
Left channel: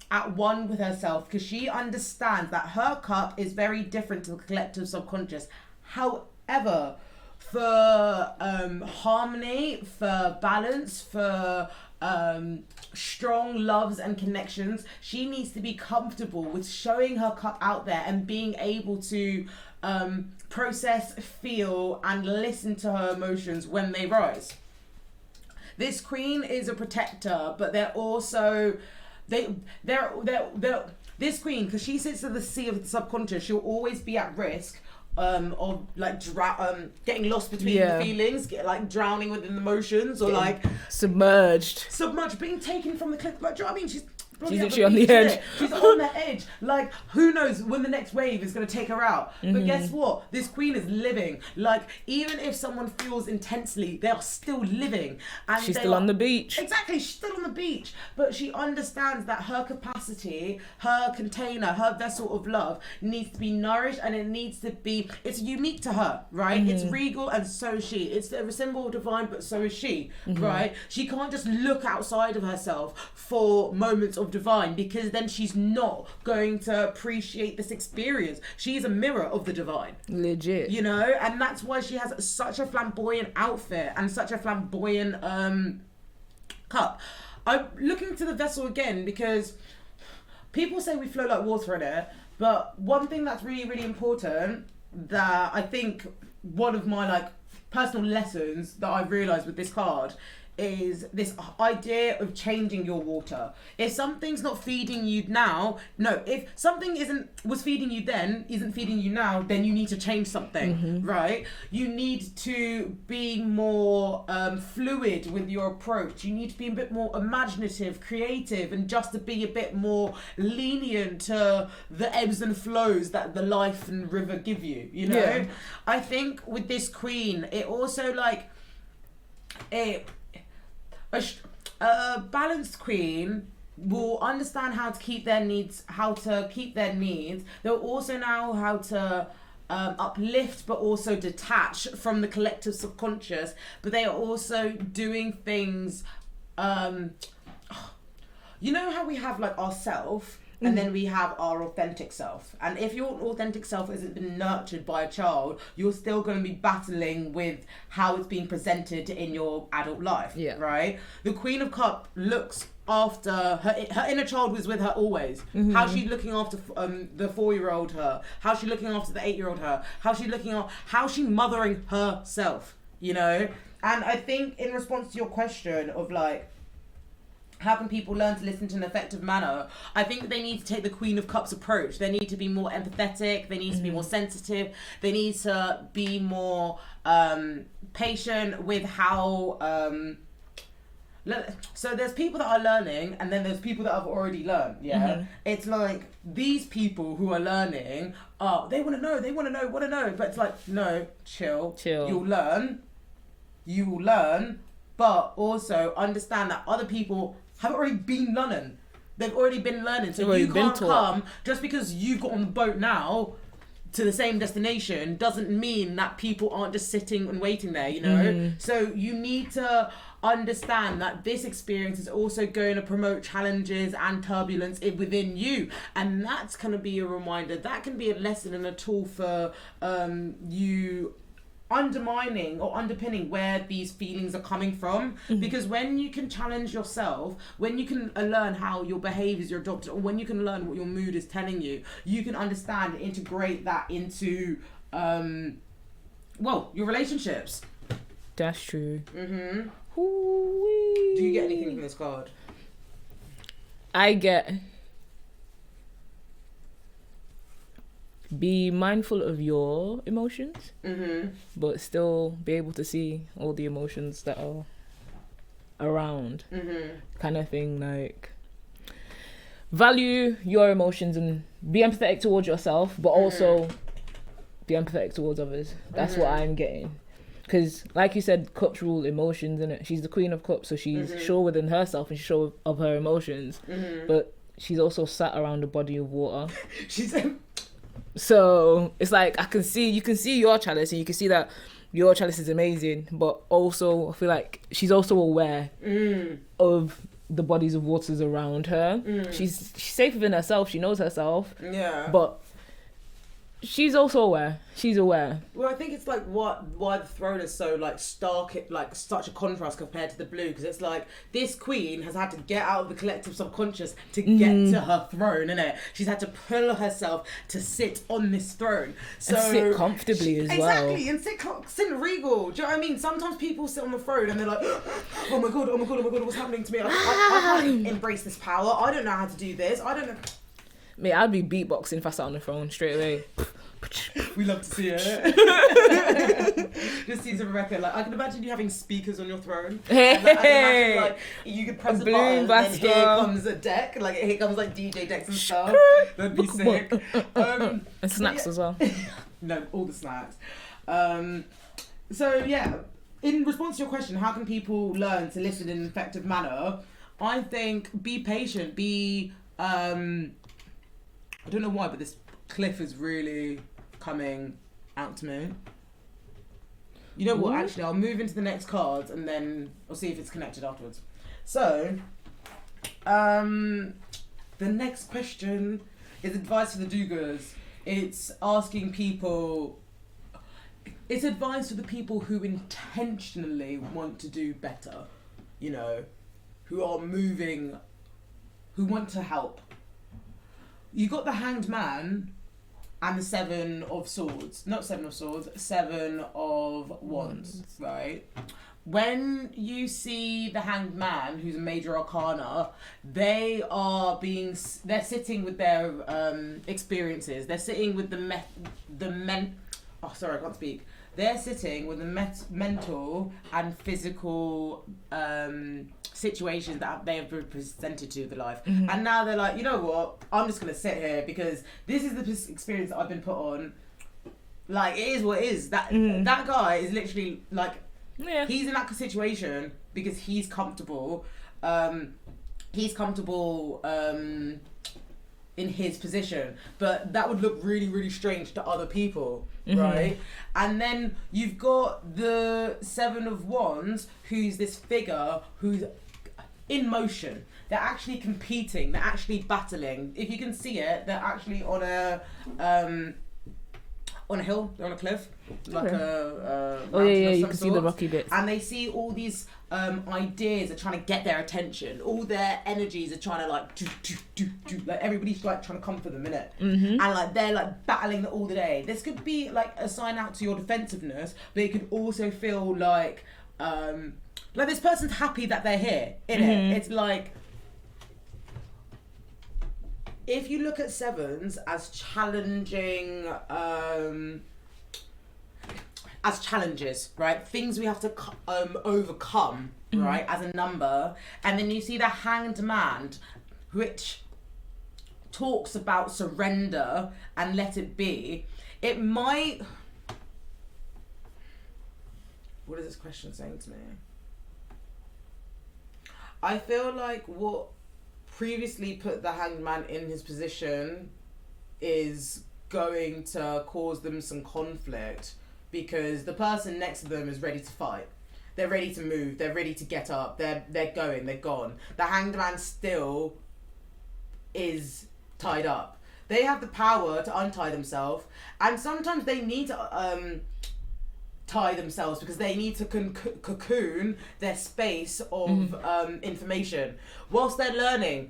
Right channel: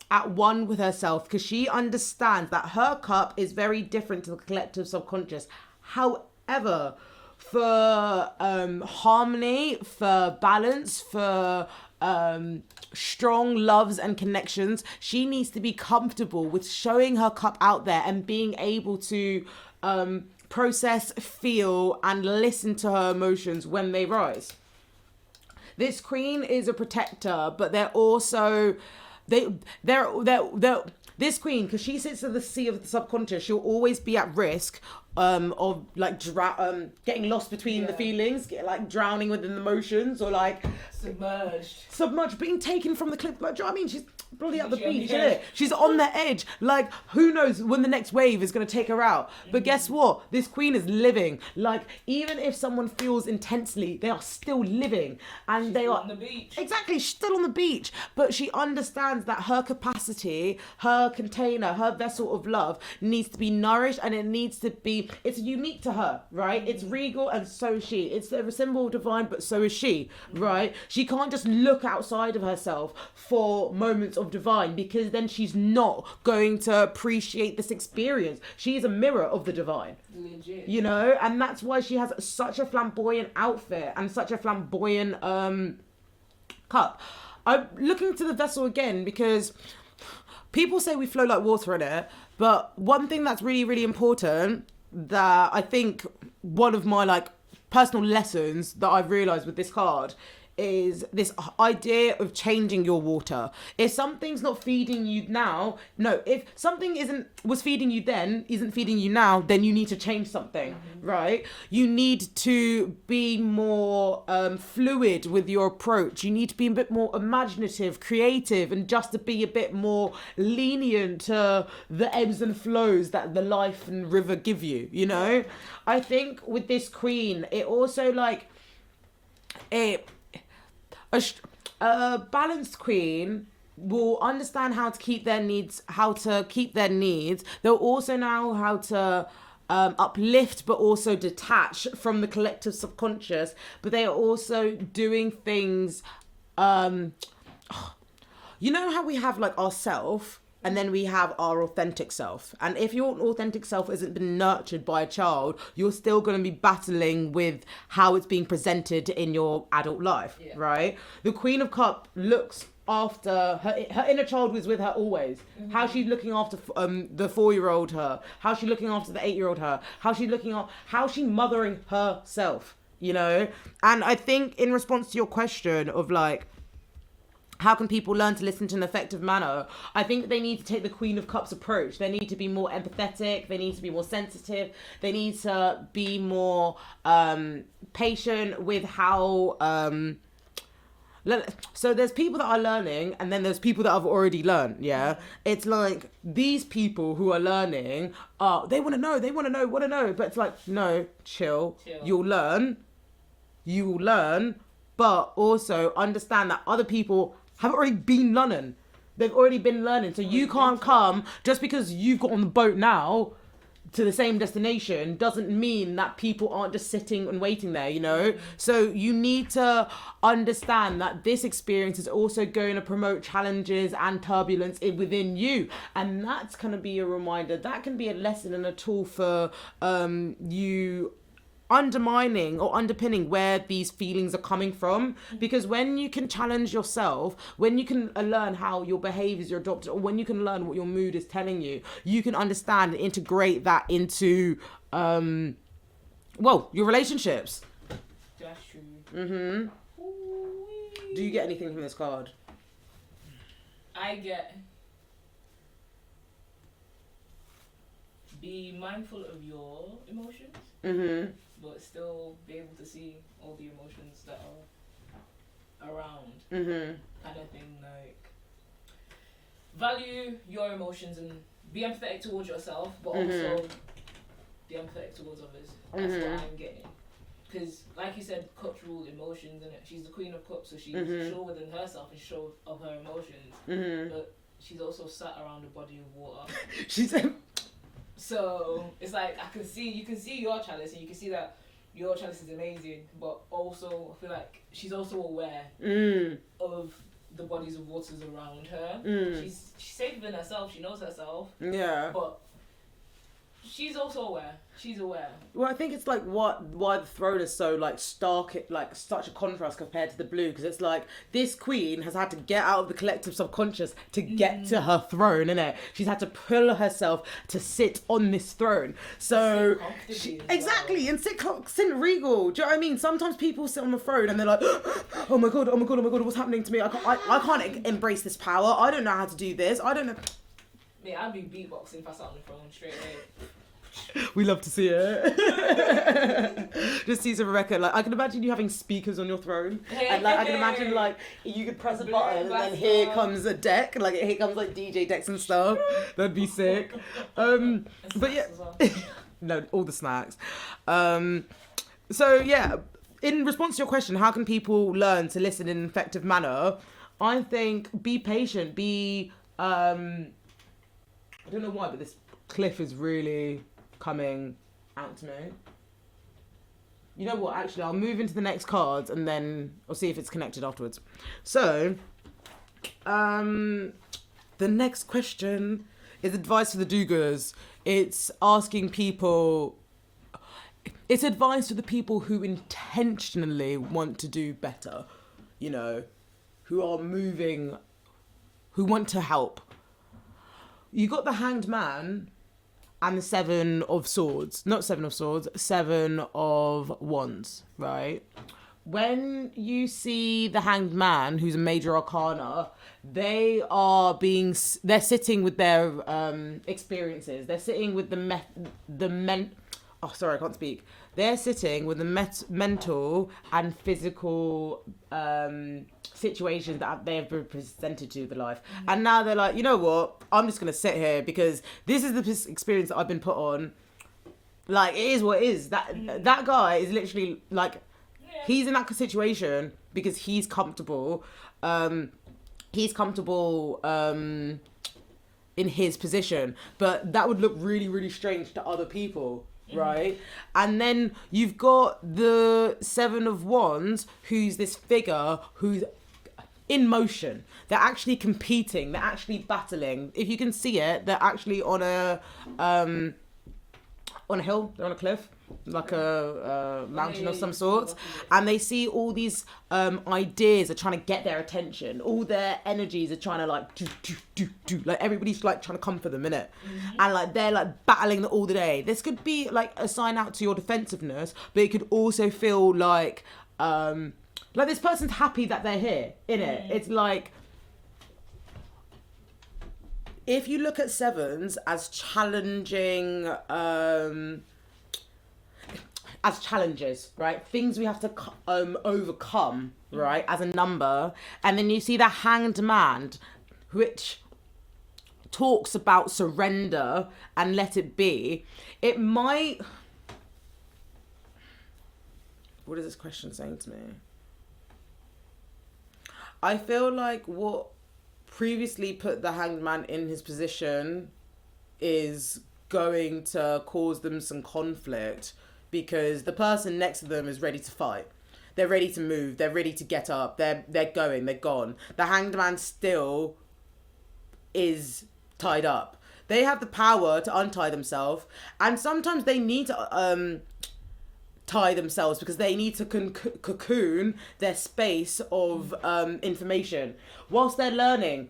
at one with herself because she understands that her cup is very different to the collective subconscious. However, for harmony, for balance, for strong loves and connections, she needs to be comfortable with showing her cup out there and being able to process, feel, and listen to her emotions when they rise. This queen is a protector, but they're also this queen, because she sits at the sea of the subconscious, she'll always be at risk of like getting lost between the feelings, like drowning within the emotions, or like submerged, being taken from the cliff. But do you know what I mean? She's literally on the edge. She's on the edge. Like, who knows when the next wave is going to take her out. But guess what? This queen is living. Like, even if someone feels intensely, they are still living. And she's still on the beach. Exactly, she's still on the beach. But she understands that her capacity, her container, her vessel of love needs to be nourished, and it needs to be, it's unique to her, right? It's regal, and so is she. It's a symbol of divine, but so is she, right? She can't just look outside of herself for moments of divine, because then she's not going to appreciate this experience. She's a mirror of the divine, legit, you know. And that's why she has such a flamboyant outfit and such a flamboyant cup. I'm looking to the vessel again because people say we flow like water in it, but one thing that's really, really important that I think one of my like personal lessons that I've realized with this card is this idea of changing your water. If something's not feeding you now, if something was feeding you then, isn't feeding you now, then you need to change something, right? You need to be more fluid with your approach. You need to be a bit more imaginative, creative, and just to be a bit more lenient to the ebbs and flows that the life and river give you, you know? Yeah. I think with this queen, it also like a balanced queen will understand how to keep their needs. They'll also know how to uplift, but also detach from the collective subconscious. But they are also doing things. You know how we have like ourself, and then we have our authentic self. And if your authentic self hasn't been nurtured by a child, you're still going to be battling with how it's being presented in your adult life, right? The Queen of Cups looks after her inner child was with her always. How she's looking after the 4-year-old her, how she's looking after the 8-year-old her, how she's mothering herself, you know? And I think in response to your question of like, how can people learn to listen to an effective manner? I think they need to take the Queen of Cups approach. They need to be more empathetic. They need to be more sensitive. They need to be more patient with how... So there's people that are learning, and then there's people that have already learned, It's like these people who are learning, they want to know. But it's like, no, chill. You'll learn. You will learn. But also understand that other people have already been learning. They've already been learning. So you can't come, just because you've got on the boat now to the same destination, doesn't mean that people aren't just sitting and waiting there, you know? So you need to understand that this experience is also going to promote challenges and turbulence within you. And that's going to be a reminder. That can be a lesson and a tool for you undermining or underpinning where these feelings are coming from, because when you can challenge yourself, when you can learn how your behaviors are adopted, or when you can learn what your mood is telling you, you can understand and integrate that into your relationships. That's true. Do you get anything from this card? I get be mindful of your emotions, but still be able to see all the emotions that are around, kind of thing. Like, value your emotions and be empathetic towards yourself, but also be empathetic towards others. That's what I'm getting. Because, like you said, cups rule emotions, innit? She's the queen of cups, so she's sure within herself and she's sure of her emotions. But she's also sat around a body of water. So it's like you can see your chalice, and you can see that your chalice is amazing, but also I feel like she's also aware of the bodies of waters around her. She's safe within herself. She knows herself. Yeah. But she's also aware. She's aware. Well, I think it's like why the throne is so like stark, like such a contrast compared to the blue, because it's like this queen has had to get out of the collective subconscious to get to her throne, innit? She's had to pull herself to sit on this throne. So and sit comfortably as well. Exactly, and sit regal. Do you know what I mean? Sometimes people sit on the throne and they're like, oh my god, what's happening to me? I can't embrace this power. I don't know how to do this. I don't know. Mate, I'd be beatboxing if I sat on the throne straight away. We love to see it. Just sees Rebecca, like, I can imagine you having speakers on your throne. And, like, I can imagine, like, you could press a button and then here comes a deck. Like, here comes, like, DJ decks and stuff. That'd be sick. And snacks as well. No, all the snacks. So, yeah, in response to your question, how can people learn to listen in an effective manner? I think be patient, I don't know why, but this cliff is really coming out to me. You know what, actually, I'll move into the next cards and then I'll see if it's connected afterwards. So, the next question is advice for the do-gooders. It's asking people... It's advice for the people who intentionally want to do better, you know, who are moving, who want to help. You got the Hanged Man and the Seven of Swords. Not Seven of Swords, Seven of Wands, right? When you see the Hanged Man, who's a major arcana, they're sitting with their experiences. They're sitting with They're sitting with the mental and physical situations that they have been presented to the life. And now they're like, you know what? I'm just going to sit here because this is the experience that I've been put on. Like, it is what it is. That guy is literally like, he's in that situation because he's comfortable. In his position, but that would look really, really strange to other people, right? And then you've got the Seven of Wands, who's this figure who's in motion. They're actually competing. They're actually battling. If you can see it, they're actually on a hill. They're on a cliff, like a mountain of some sort. And they see all these ideas are trying to get their attention. All their energies are trying to like do. Like everybody's like trying to come for them, innit? And like they're like battling all the day. This could be like a sign out to your defensiveness, but it could also feel like this person's happy that they're here, innit? It's like, if you look at sevens as challenging, as challenges, right? Things we have to overcome, right? As a number. And then you see the Hanged Man, which talks about surrender and let it be. It might... What is this question saying to me? I feel like what previously put the Hanged Man in his position is going to cause them some conflict, because the person next to them is ready to fight. They're ready to move. They're ready to get up. They're gone. The Hanged Man still is tied up. They have the power to untie themselves, and sometimes they need to tie themselves because they need to cocoon their space of information. Whilst they're learning,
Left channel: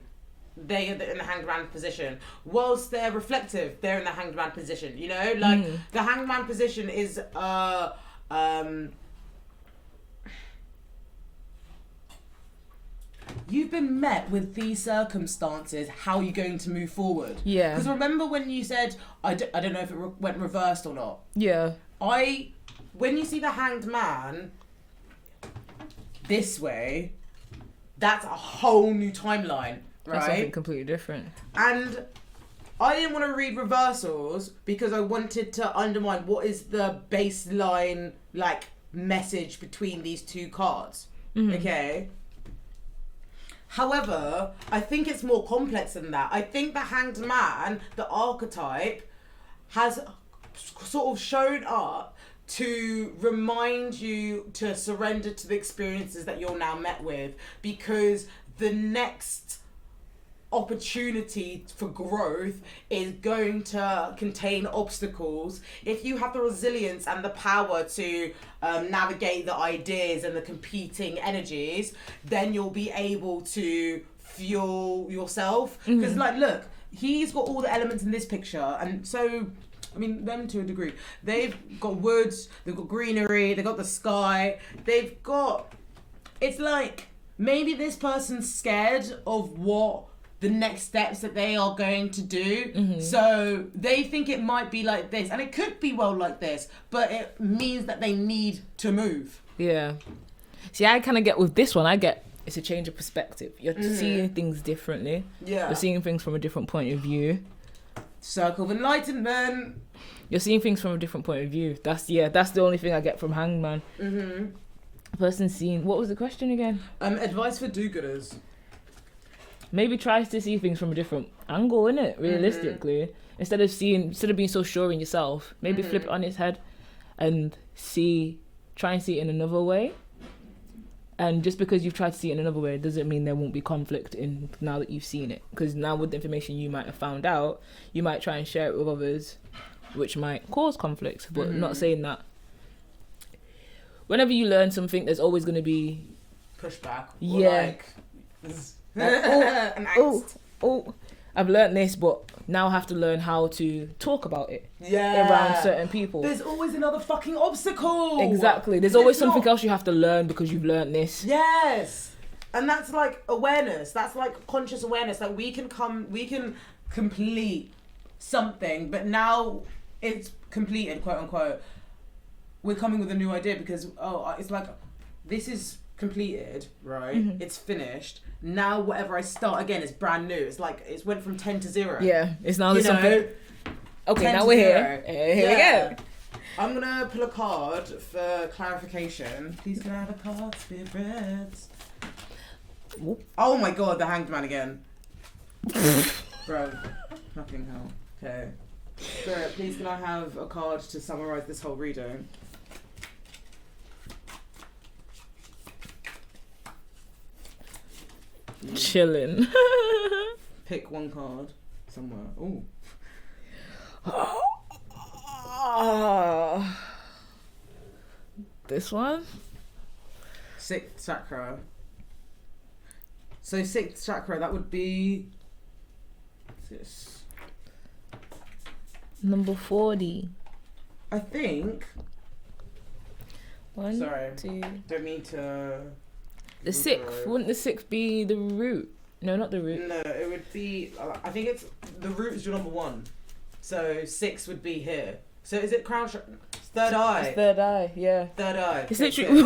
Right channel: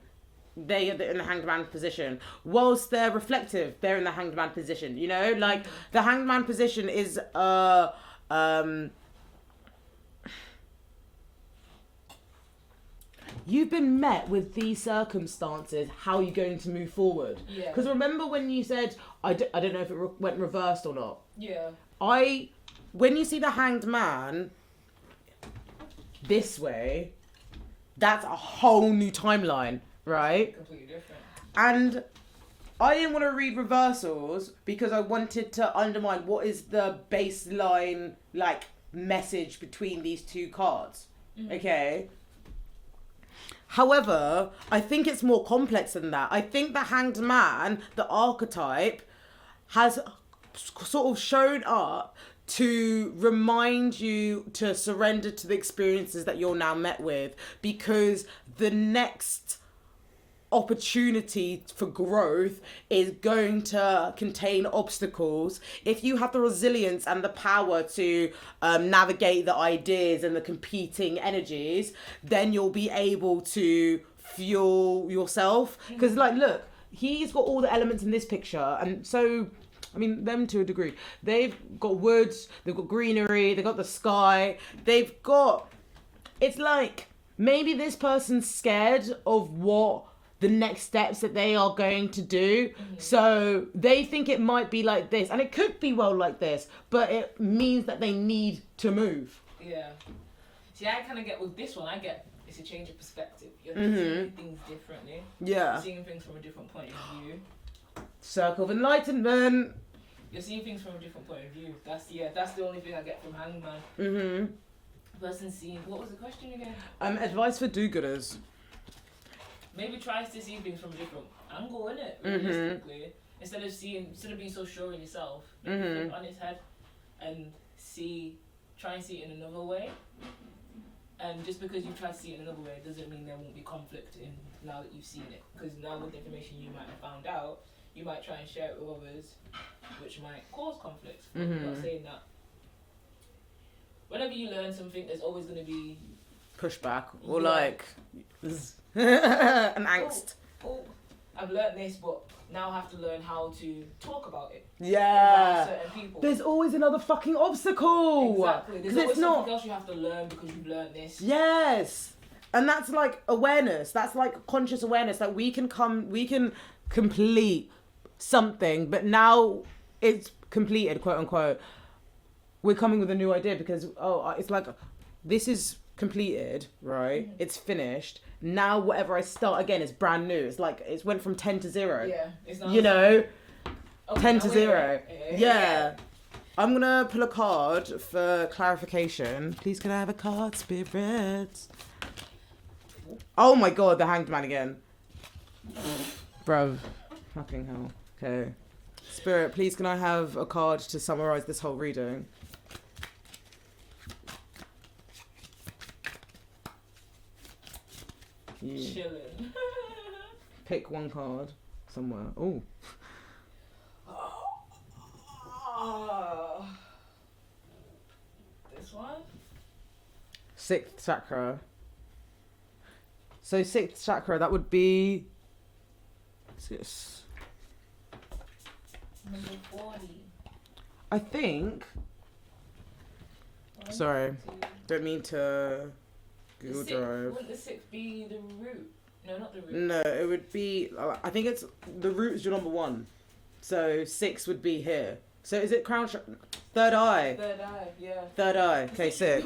they're in the Hanged Man position. Whilst they're reflective, they're in the Hanged Man position. You know, like the Hanged Man position is you've been met with these circumstances. How are you going to move forward? Yeah. Because remember when you said, I don't know if it went reversed or not. Yeah. When you see the Hanged Man this way, that's a whole new timeline, right? That's something completely different. And I didn't want to read reversals because I wanted to undermine what is the baseline, like, message between these two cards. Okay? However, I think it's more complex than that. I think the Hanged Man, the archetype, has sort of shown up to remind you to surrender to the experiences that you're now met with, because the next opportunity for growth is going to contain obstacles. If you have the resilience and the power to navigate the ideas and the competing energies, then you'll be able to fuel yourself. Because like, look, he's got all the elements in this picture, and so I mean, them to a degree. They've got woods, they've got greenery, they've got the sky, they've got, it's like maybe this person's scared of what the next steps that they are going to do. So they think it might be like this, and it could be well like this, but it means that they need to move. Yeah. See, I kind of get with this one, it's a change of perspective. You're seeing things differently. Yeah. You're seeing things from a different point of view. Circle of Enlightenment. You're seeing things from a different point of view. That's the only thing I get from Hanged Man. Person seeing, what was the question again? Advice for do-gooders. Maybe tries to see things from a different angle, innit? Realistically. Instead of being so sure in yourself, maybe flip it on its head and try and see it in another way. And just because you've tried to see it in another way doesn't mean there won't be conflict in now that you've seen it. Because now with the information you might have found out, you might try and share it with others, which might cause conflict. But not saying that. Whenever you learn something, there's always going to be pushback. Or like an angst. I've learned this, but now I have to learn how to talk about it around certain people. There's always another fucking obstacle. Exactly. There's always something else you have to learn because you've learned this. Yes. And that's like awareness. That's like conscious awareness. Like we can complete something, but now it's completed, quote unquote. We're coming with a new idea because, it's like, this is completed, right? It's finished. Now whatever I start again is brand new. It's like it's went from 10 to 0. Yeah, it's now something. Okay, now we're here. Here we go. I'm gonna pull a card for clarification. Please can I have a card, Spirit? Oh my god, the Hanged Man again. Bro, fucking hell. Okay. Spirit, please can I have a card to summarise this whole reading? Chilling. Pick one card somewhere. Oh. This one? Sixth chakra. So sixth chakra, that would be number 40. I think. Sorry, don't mean to. The sixth, wouldn't the sixth be the root? No, not the root. No, it would be, I think it's, the root is your number 1. So 6 would be here. So is it crown chakra? Third eye. It's third eye, yeah. Third eye. It's literally...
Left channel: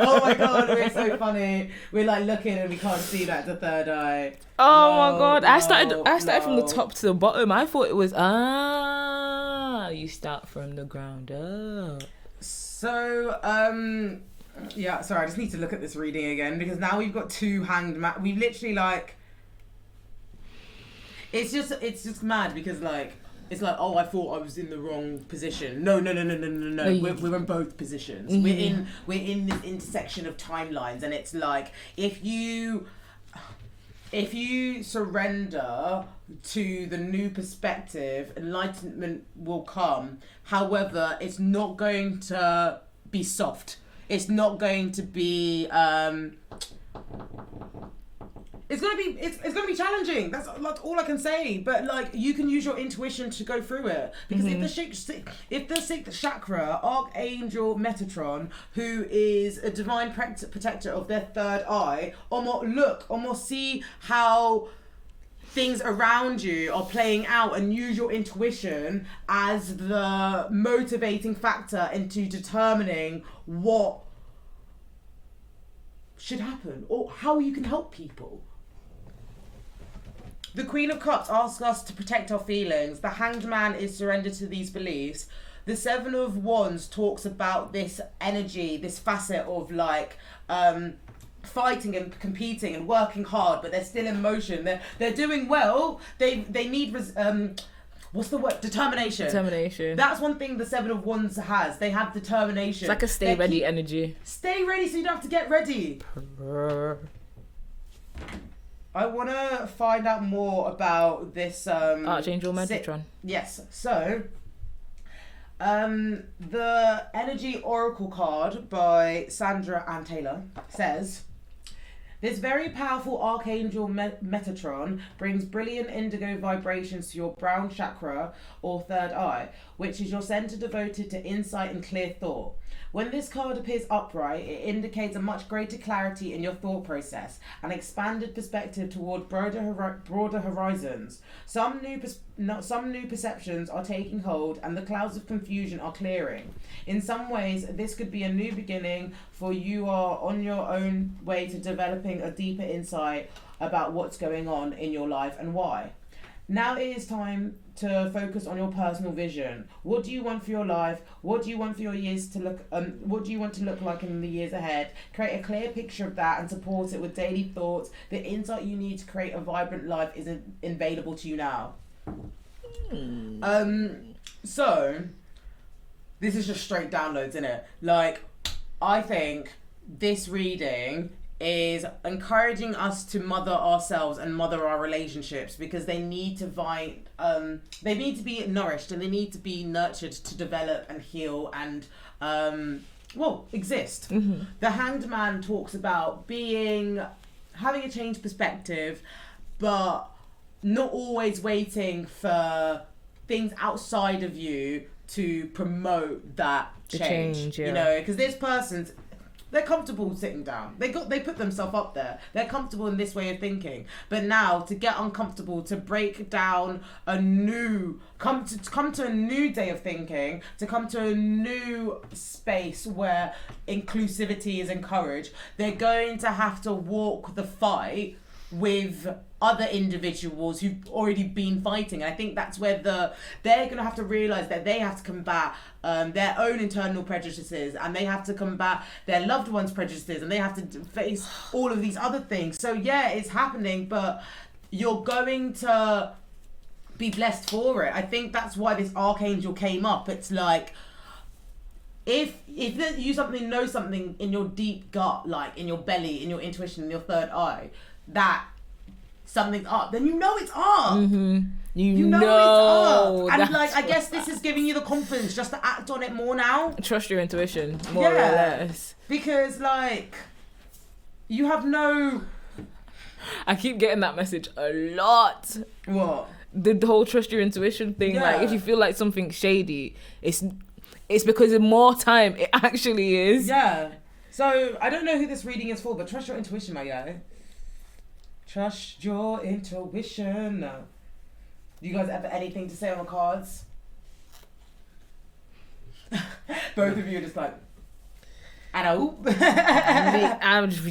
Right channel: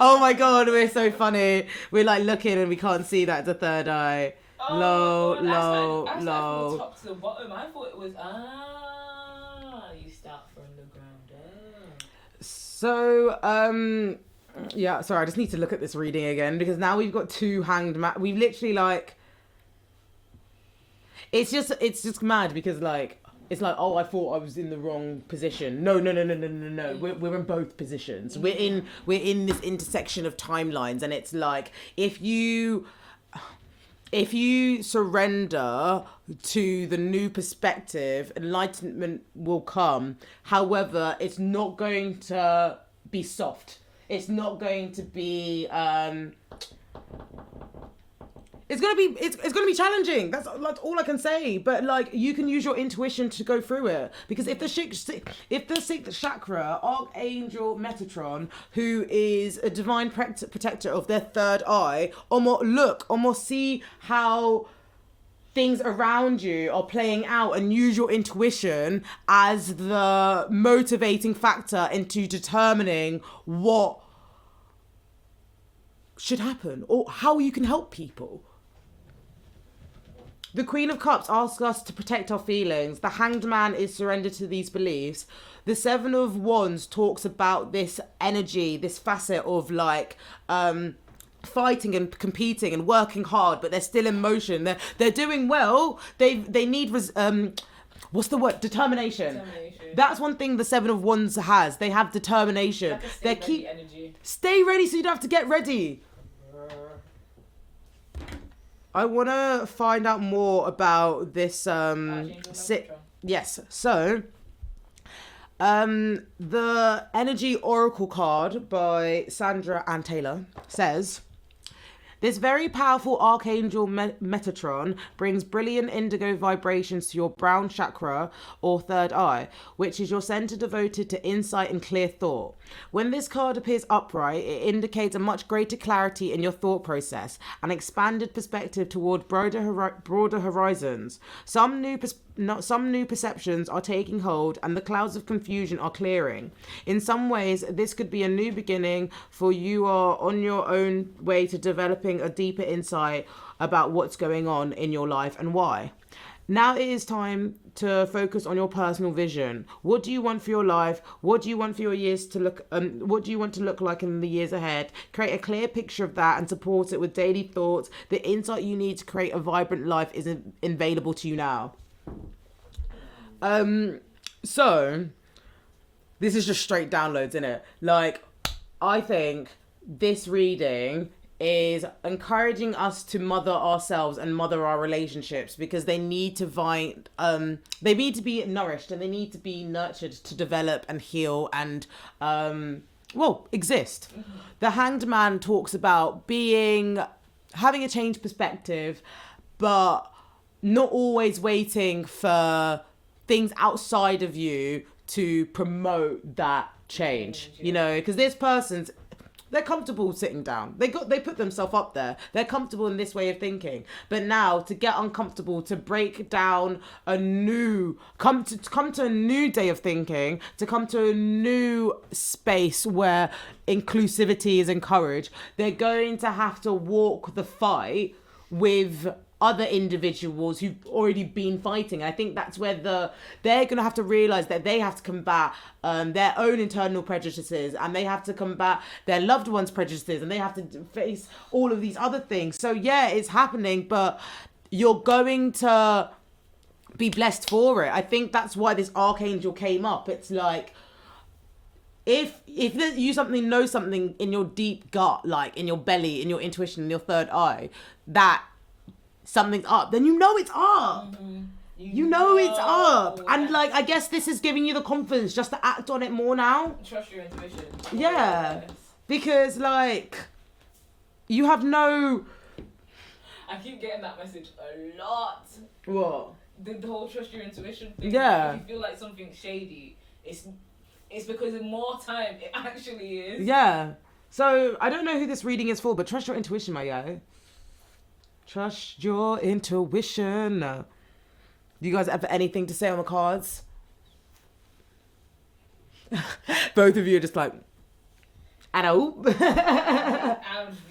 Oh my god, we're so funny. We're like looking and we can't see that the third eye. Oh my god. I started from the top to the bottom. I thought it was, you start from the ground up. So, yeah, sorry, I just need to look at this reading again because now we've got 2 Hanged Man. We've literally like, it's just mad because like, it's like, I thought I was in the wrong position. No. We're in both positions. We're in this intersection of timelines, and it's like if you surrender to the new perspective, enlightenment will come. However, it's not going to be soft. It's not going to be. It's gonna be challenging. That's like all I can say. But like you can use your intuition to go through it because if the sixth chakra, Archangel Metatron, who is a divine protector of their third eye, almost see how things around you are playing out and use your intuition as the motivating factor into determining what should happen or how you can help people. The Queen of Cups asks us to protect our feelings. The Hanged Man is surrendered to these beliefs. The Seven of Wands talks about this energy, this facet of like fighting and competing and working hard, but they're still in motion. They're doing well. They need what's the word? Determination. That's one thing the Seven of Wands has. They have determination. It's like a stay ready energy. Stay ready so you don't have to get ready. I want to find out more about this Archangel Metatron. Yes. So, the Energy Oracle card by Sandra Ann Taylor says, this very powerful Archangel Metatron brings brilliant indigo vibrations to your brown chakra or third eye, which is your center devoted to insight and clear thought. When this card appears upright, it indicates a much greater clarity in your thought process, an expanded perspective toward broader horizons. Some new perceptions are taking hold and the clouds of confusion are clearing. In some ways, this could be a new beginning, for you are on your own way to developing a deeper insight about what's going on in your life and why. Now it is time to focus on your personal vision. What do you want for your life? What do you want for your years to look? What do you want to look like in the years ahead? Create a clear picture of that and support it with daily thoughts. The insight you need to create a vibrant life is available to you now. So this is just straight downloads, isn't it? Like, I think this reading is encouraging us to mother ourselves and mother our relationships, because they need to they need to be nourished and they need to be nurtured to develop and heal and exist. Mm-hmm. The Hanged Man talks about having a changed perspective, but not always waiting for things outside of you to promote that change. Yeah. You know, because this person's, they're comfortable sitting down. They put themselves up there. They're comfortable in this way of thinking. But now to get uncomfortable, to break down come to a new day of thinking, to come to a new space where inclusivity is encouraged, they're going to have to walk the fight with other individuals who've already been fighting. I think that's where they're going to have to realise that they have to combat their own internal prejudices, and they have to combat their loved ones' prejudices, and they have to face all of these other things. So yeah, it's happening, but you're going to be blessed for it. I think that's why this Archangel came up. It's like, if you know something in your deep gut, like in your belly, in your intuition, in your third eye, that something's up, then you know it's up. Mm-hmm. You know it's up. And like, I guess this is giving you the confidence just to act on it more now. Trust your intuition more or less. Because like, you have no... I keep getting that message a lot. What? The whole trust your intuition thing. Yeah. Like, if you feel like something's shady, it's because in more time it actually is. Yeah. So I don't know who this reading is for, but trust your intuition, my guy. Trust your intuition. Do you guys have anything to say on the cards? Both of you are just like, I know. I'm just...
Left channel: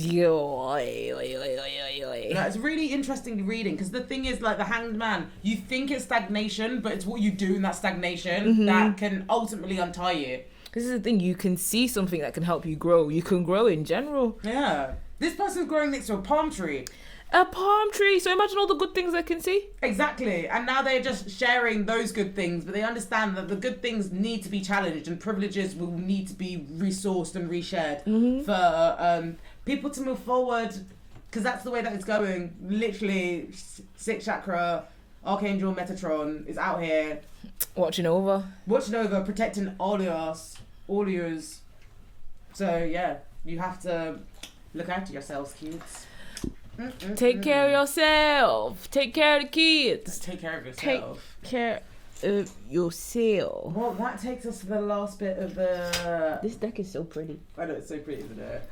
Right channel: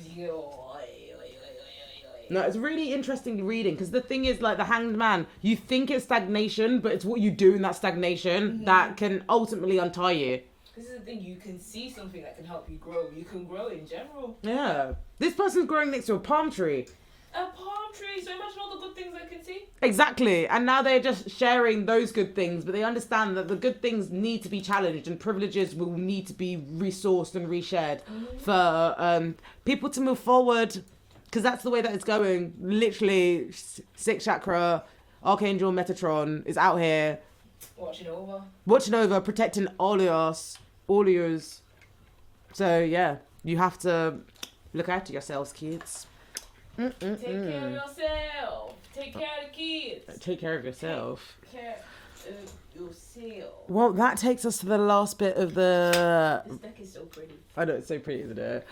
No, it's really interesting reading, because the thing is, like, the Hanged Man, you think it's stagnation, but it's what you do in that stagnation that can ultimately untie you. This is the thing, you can see something that can help you grow. You can grow in general. Yeah. This person's growing next to a palm tree. A palm tree, so imagine all the good things they can see. Exactly, and now they're just sharing those good things, but they understand that the good things need to be challenged and privileges will need to be resourced and reshared for people to move forward, because that's the way that it's going. Literally, 6th chakra, Archangel Metatron is out here. Watching over, protecting all of yours. So yeah, you have to look after yourselves, kids. Take care of yourself. Take care of the kids. Take care of yourself. Take care of yourself. Well, that takes us to the last bit of the... This deck is so pretty. I know, it's so pretty, isn't it?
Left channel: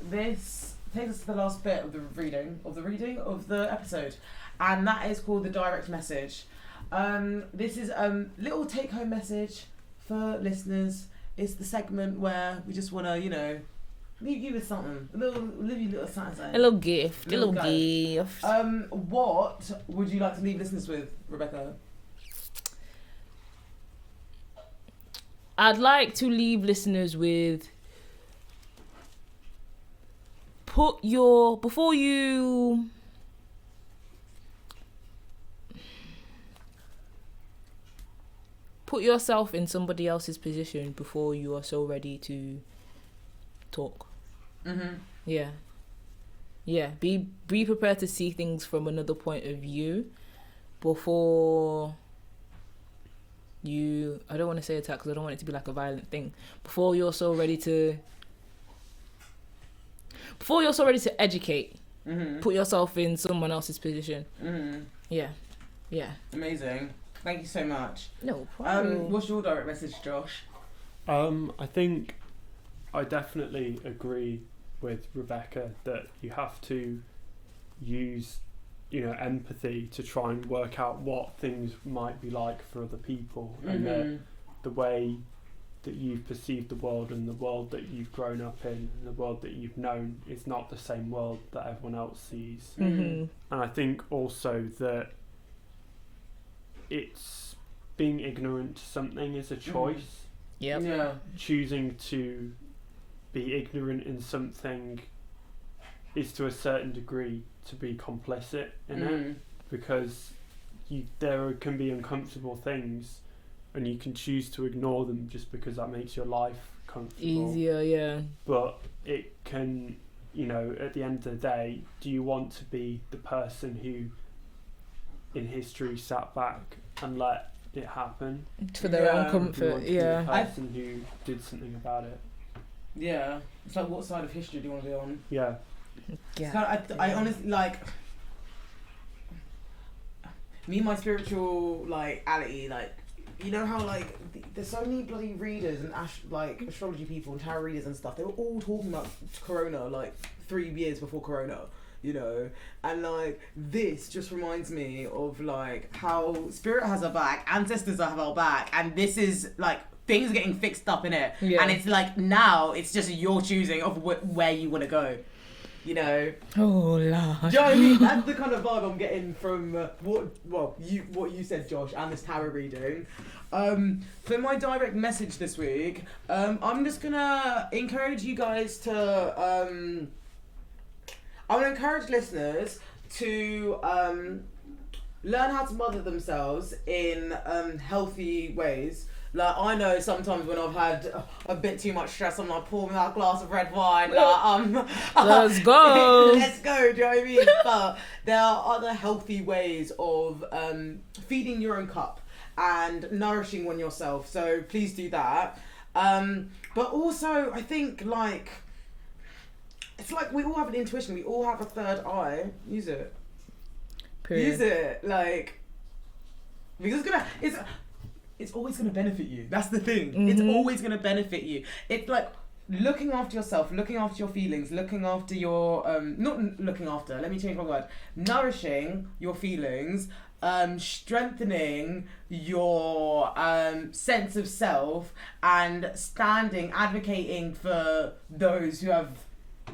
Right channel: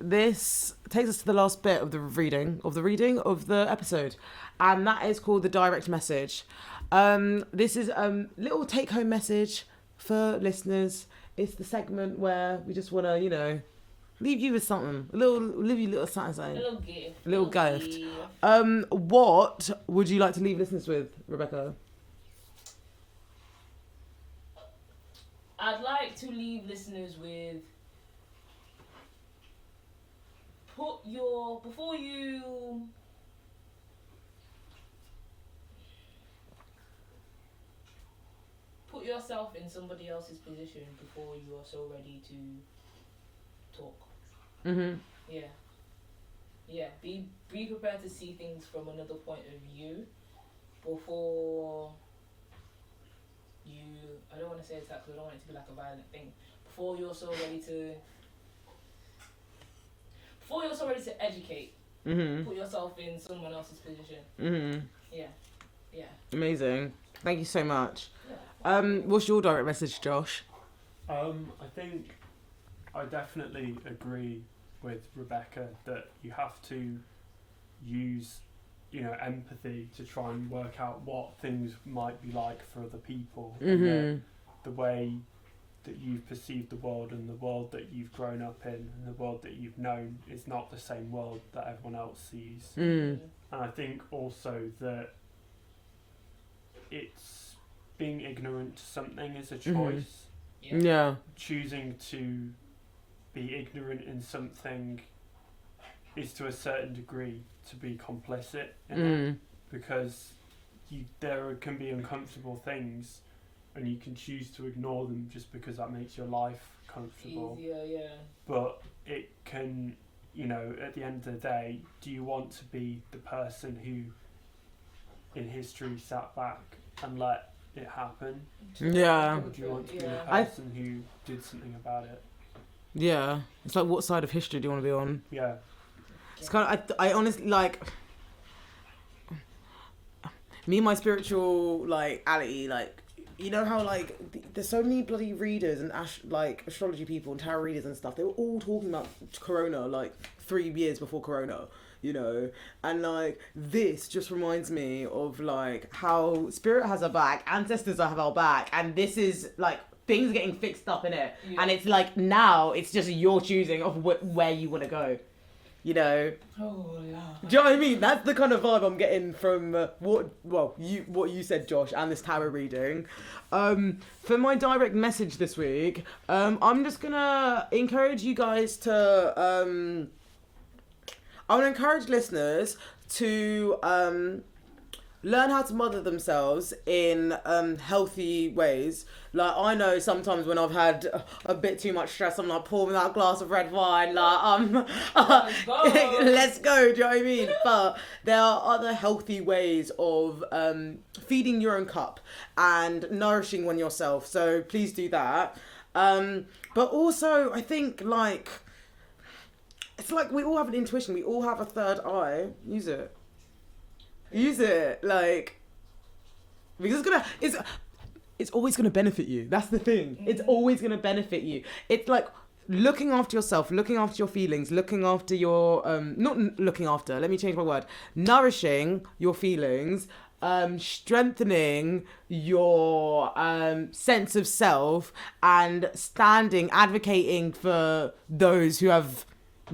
This takes us to the last bit of the reading of the episode. And that is called the direct message. This is a little take-home message for listeners. It's the segment where we just want to, Leave you with something. Leave you a little something. A little gift. A little gift. What would you like to leave listeners with, Rebecca? I'd like to leave listeners with put yourself in somebody else's position before you are so ready to talk. Yeah. Be prepared to see things from another point of view before you. I don't want to say attack because I don't want it to be like a violent thing. Before you're so ready to educate, put yourself in someone else's position. Yeah. Amazing. Thank you so much. No problem. What's your direct message, Josh? I think I definitely agree with Rebecca that you have to use, empathy to try and work out what things might be like for other people, and the way that you've perceived the world and the world that you've grown up in and the world that you've known is not the same world that everyone else sees. And I think also that it's being ignorant to something is a choice. Yeah. Choosing to be ignorant in something is to a certain degree to be complicit in it, because there can be uncomfortable things and you can choose to ignore them just because that makes your life comfortable. Easier, But it can, at the end of the day, do you want to be the person who in history sat back and let it happen? For their own comfort, Do you want to be the person who did something about it? Yeah. It's like, what side of history do you want to be on? Yeah. It's kind of, I honestly, me and my spiritual, ality, how, there's so many bloody readers and, astrology people and tarot readers and stuff. They were all talking about Corona, 3 years before Corona, and, this just reminds me of, how spirit has our back, ancestors have our back, and this is, things are getting fixed up in it. Yeah. And it's, now, it's just your choosing of where you want to go. Oh Lord. Do you know what I mean? That's the kind of vibe I'm getting from what you said, Josh, and this tarot reading. For my direct message this week, I'm just gonna encourage you guys to. I'm gonna encourage listeners to learn how to mother themselves in healthy ways. I know sometimes when I've had a bit too much stress, I'm pouring that glass of red wine. Let's go. Let's go. Do you know what I mean? But there are other healthy ways of feeding your own cup and nourishing one yourself. So please do that. But also, I think it's we all have an intuition. We all have a third eye. Use it. Period. Use it. Because it's always going to benefit you. That's the thing. It's always going to benefit you. It's looking after yourself, looking after your feelings, looking after your not looking after, let me change my word. Nourishing your feelings, strengthening your sense of self, and advocating for those who have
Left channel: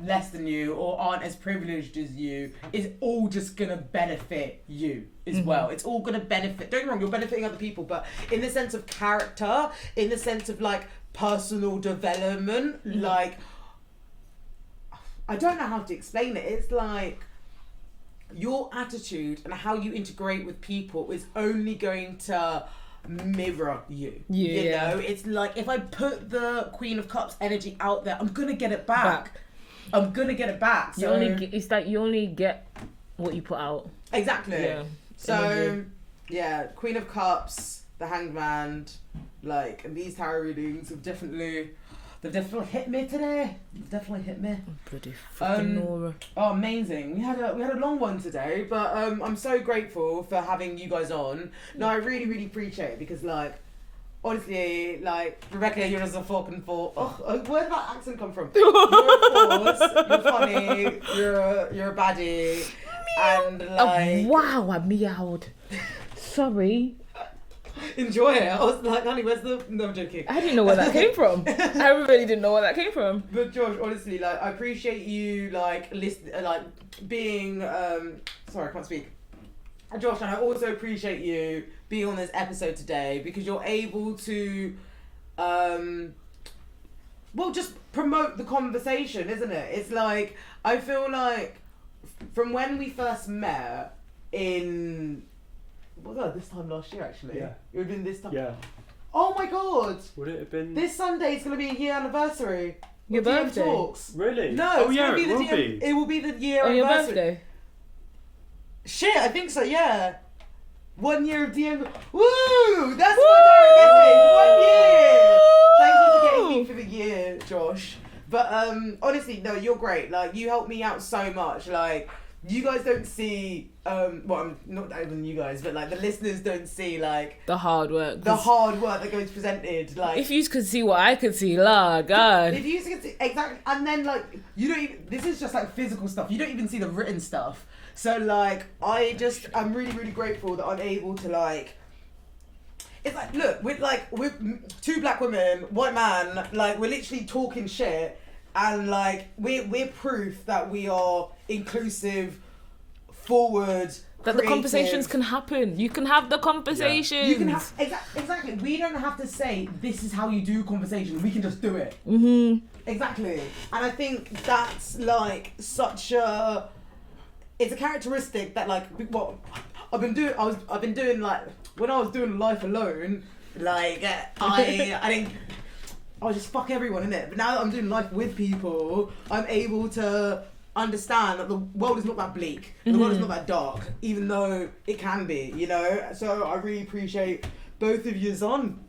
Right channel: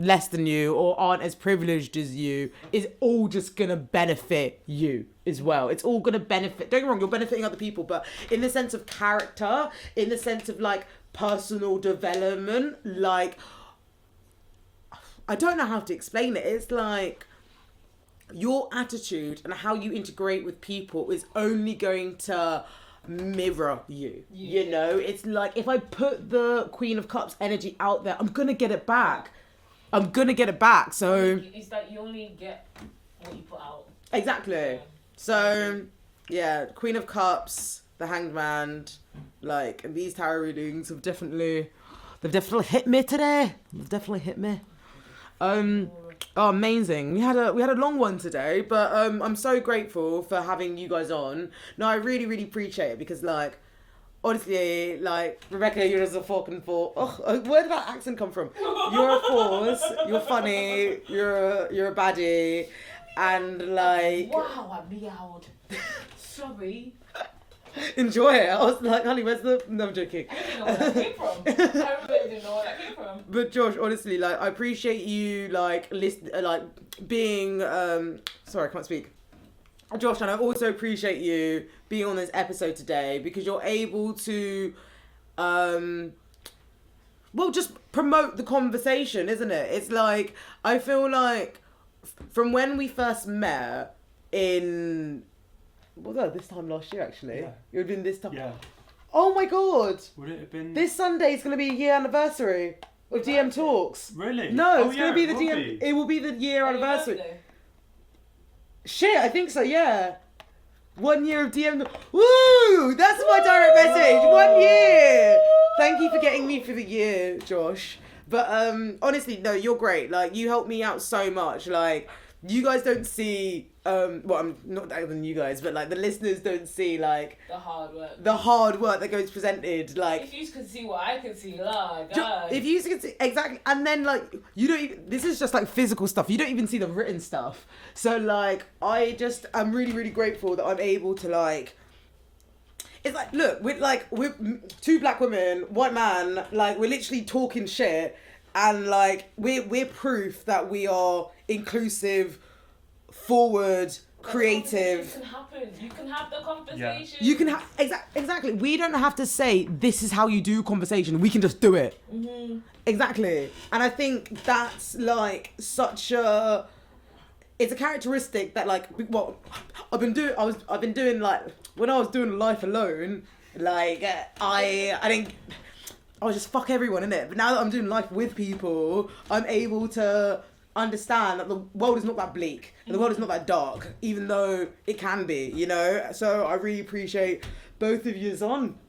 less than you or aren't as privileged as you is all just gonna benefit you as well. It's all gonna benefit, don't get me wrong, you're benefiting other people, but in the sense of character, in the sense of personal development, I don't know how to explain it. It's your attitude and how you integrate with people is only going to mirror you. It's if I put the Queen of Cups energy out there, I'm gonna get it back. I'm gonna get it back. So it's you only get what you put out. Exactly. Yeah. So Queen of Cups, the Hanged Man, these tarot readings have definitely hit me today. They've definitely hit me. Pretty fucking amazing. We had a long one today, but I'm so grateful for having you guys on. No, I really, really appreciate it because honestly, Rebecca, you're just a fucking force. Oh, where did that accent come from? You're a force. You're funny. You're a baddie. And wow, I meowed. Sorry. enjoy it. I was like, honey, where's the... No, I'm joking. I didn't know where that came from. I really didn't know where that came from. But Josh, honestly, like, I appreciate you, like, being... Sorry, I can't speak. Josh, and I also appreciate you being on this episode today because you're able to, just promote the conversation, isn't it? It's like, I feel like from when we first met in, what was that, this time last year actually? Yeah. It would have been this time. Yeah. Oh my God. Would it have been? This Sunday is going to be a year anniversary. Your of DM birthday? Talks. Really? No, oh it's yeah, going to be it the will DM. be. It will be the year On your anniversary. birthday? Shit, I think so, yeah. 1 year of DM. Woo! That's my direct message. 1 year. Thank you for getting me for the year, Josh. But honestly, no, you're great. Like, you helped me out so much. Like, you guys don't see, well, I'm not better than you guys, but like the listeners don't see like The hard work. the hard work that goes presented. Like, If you could see what I could see, Lord God. if you could see, exactly, and then like you don't even, this is just like physical stuff. You don't even see the written stuff. So like I'm really grateful that I'm able to like. It's like, look, we're two black women, white man, like we're literally talking shit, and like we're proof that we are inclusive, forward. That creative. the conversations can happen. You can have the conversations. You can have exactly. We don't have to say this is how you do conversation. We can just do it. Mm-hmm. Exactly, and I think that's like such a. It's a characteristic that like what I've been doing like when I was doing life alone, like I was just fuck everyone, innit? But now that I'm doing life with people, I'm able to understand that the world is not that bleak. The world is not that dark, even though it can be, you know? So I really appreciate both of yous on.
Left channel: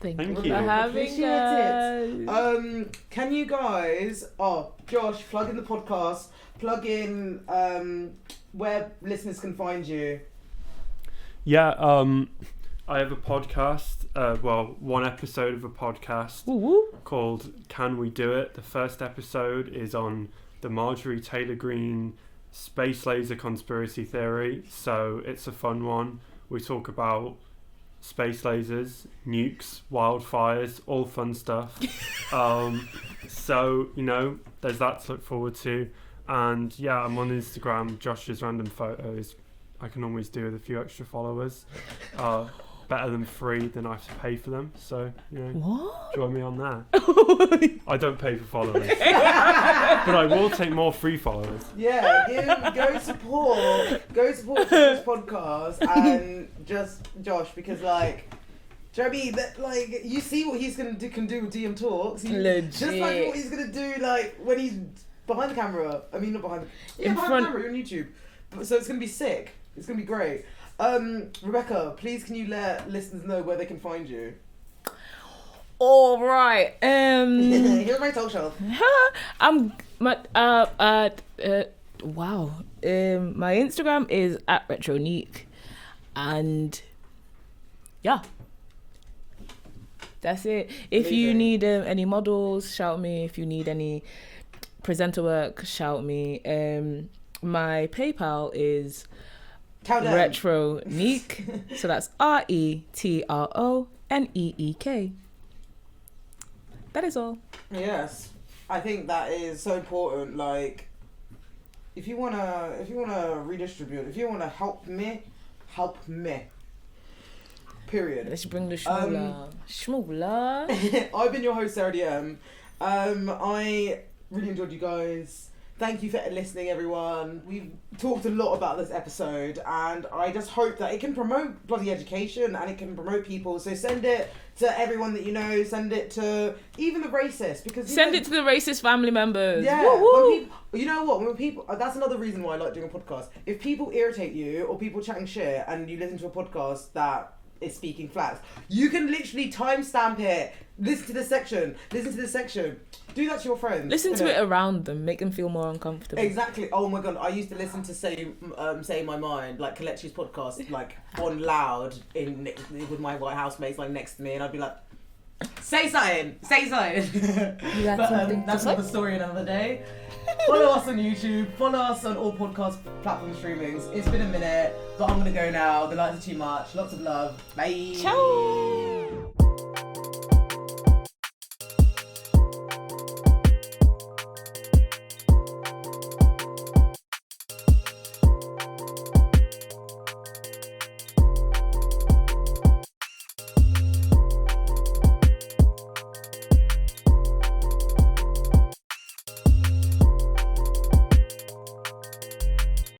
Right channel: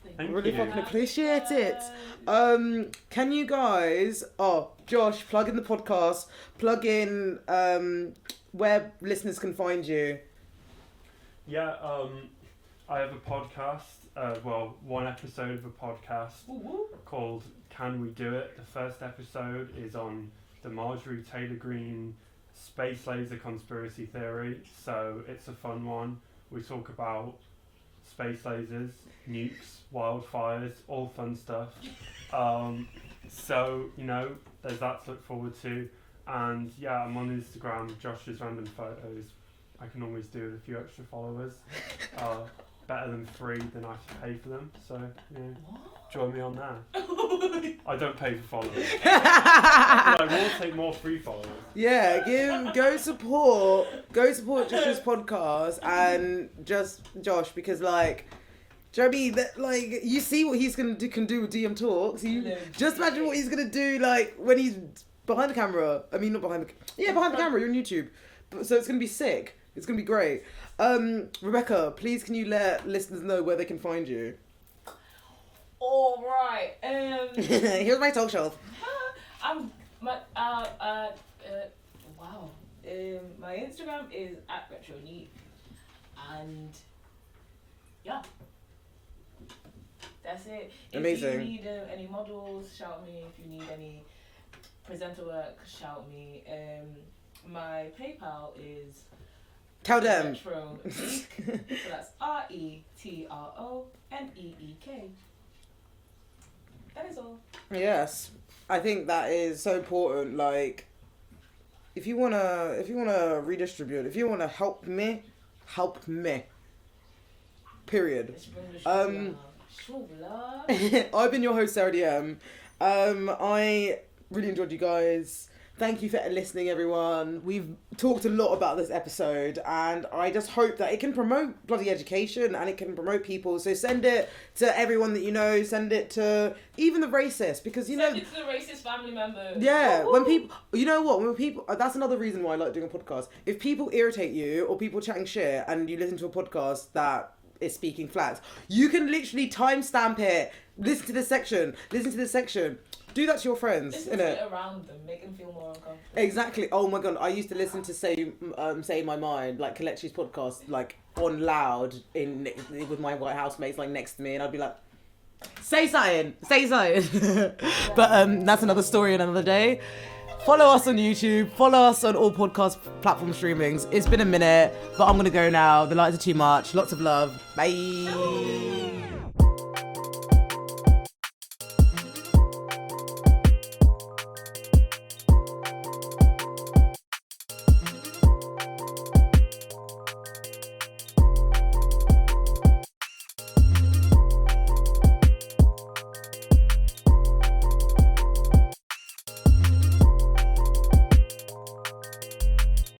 Thank Thank you you. for having Appreciate us. it. Can you guys, Josh, plug in the podcast, plug in where listeners can find you. Yeah, I have a podcast, one episode of a podcast called Can We Do It? The first episode is on the Marjorie Taylor Greene space laser conspiracy theory, so it's a fun one. We talk about space lasers, nukes, wildfires, all fun stuff. So, you know, there's that to look forward to. And yeah, I'm on Instagram, Josh's Random Photos. I can always do with a few extra followers. Better than free than I have to pay for them. So, you know, What? join me on that. I don't pay for followers. But I will take more free followers. Yeah, go support Josh's podcast and just Josh, because like, do you know what I mean? That, like, you see what he's can do with DM Talks. Legit. Just imagine what he's gonna do like when he's behind the camera. I mean, not behind the behind the camera on YouTube. So it's gonna be sick. It's gonna be great. Rebecca, please can you let listeners know where they can find you? All right. Here's my social. Wow. My Instagram is @Retroneek, and yeah, that's it. If you Amazing. need any models, shout me. If you need any presenter work, shout me. My PayPal is Retroneek, so that's RETRONEEK. That is all. Yes, I think that is so important. Like, if you wanna redistribute, if you wanna help me. Period. Let's bring the schmoola. I've been your host, Sarah DM. I really enjoyed you guys. Thank you for listening, everyone. We've talked a lot about this episode, and I just hope that it can promote bloody education and it can promote people. So send it to everyone that you know. Send it to even the racist, because Send it to the racist family members. yeah, Woo-woo. when people, you know what? When people, that's another reason why I like doing a podcast. If people irritate you or people chatting shit, and you listen to a podcast that is speaking facts, you can literally timestamp it. Listen to this section. Do that to your friends. Listen to it around them. Make them feel more uncomfortable. Exactly. Oh my god, I used to listen to Say My Mind, like Kalechi's podcast, like on loud with my white housemates like next to me, and I'd be like, say something. But that's another story another day. Follow us on YouTube. Follow us on all podcast platform streamings. It's been a minute, but I'm going to go now. The lights are too much. Lots of love. Bye. Ciao.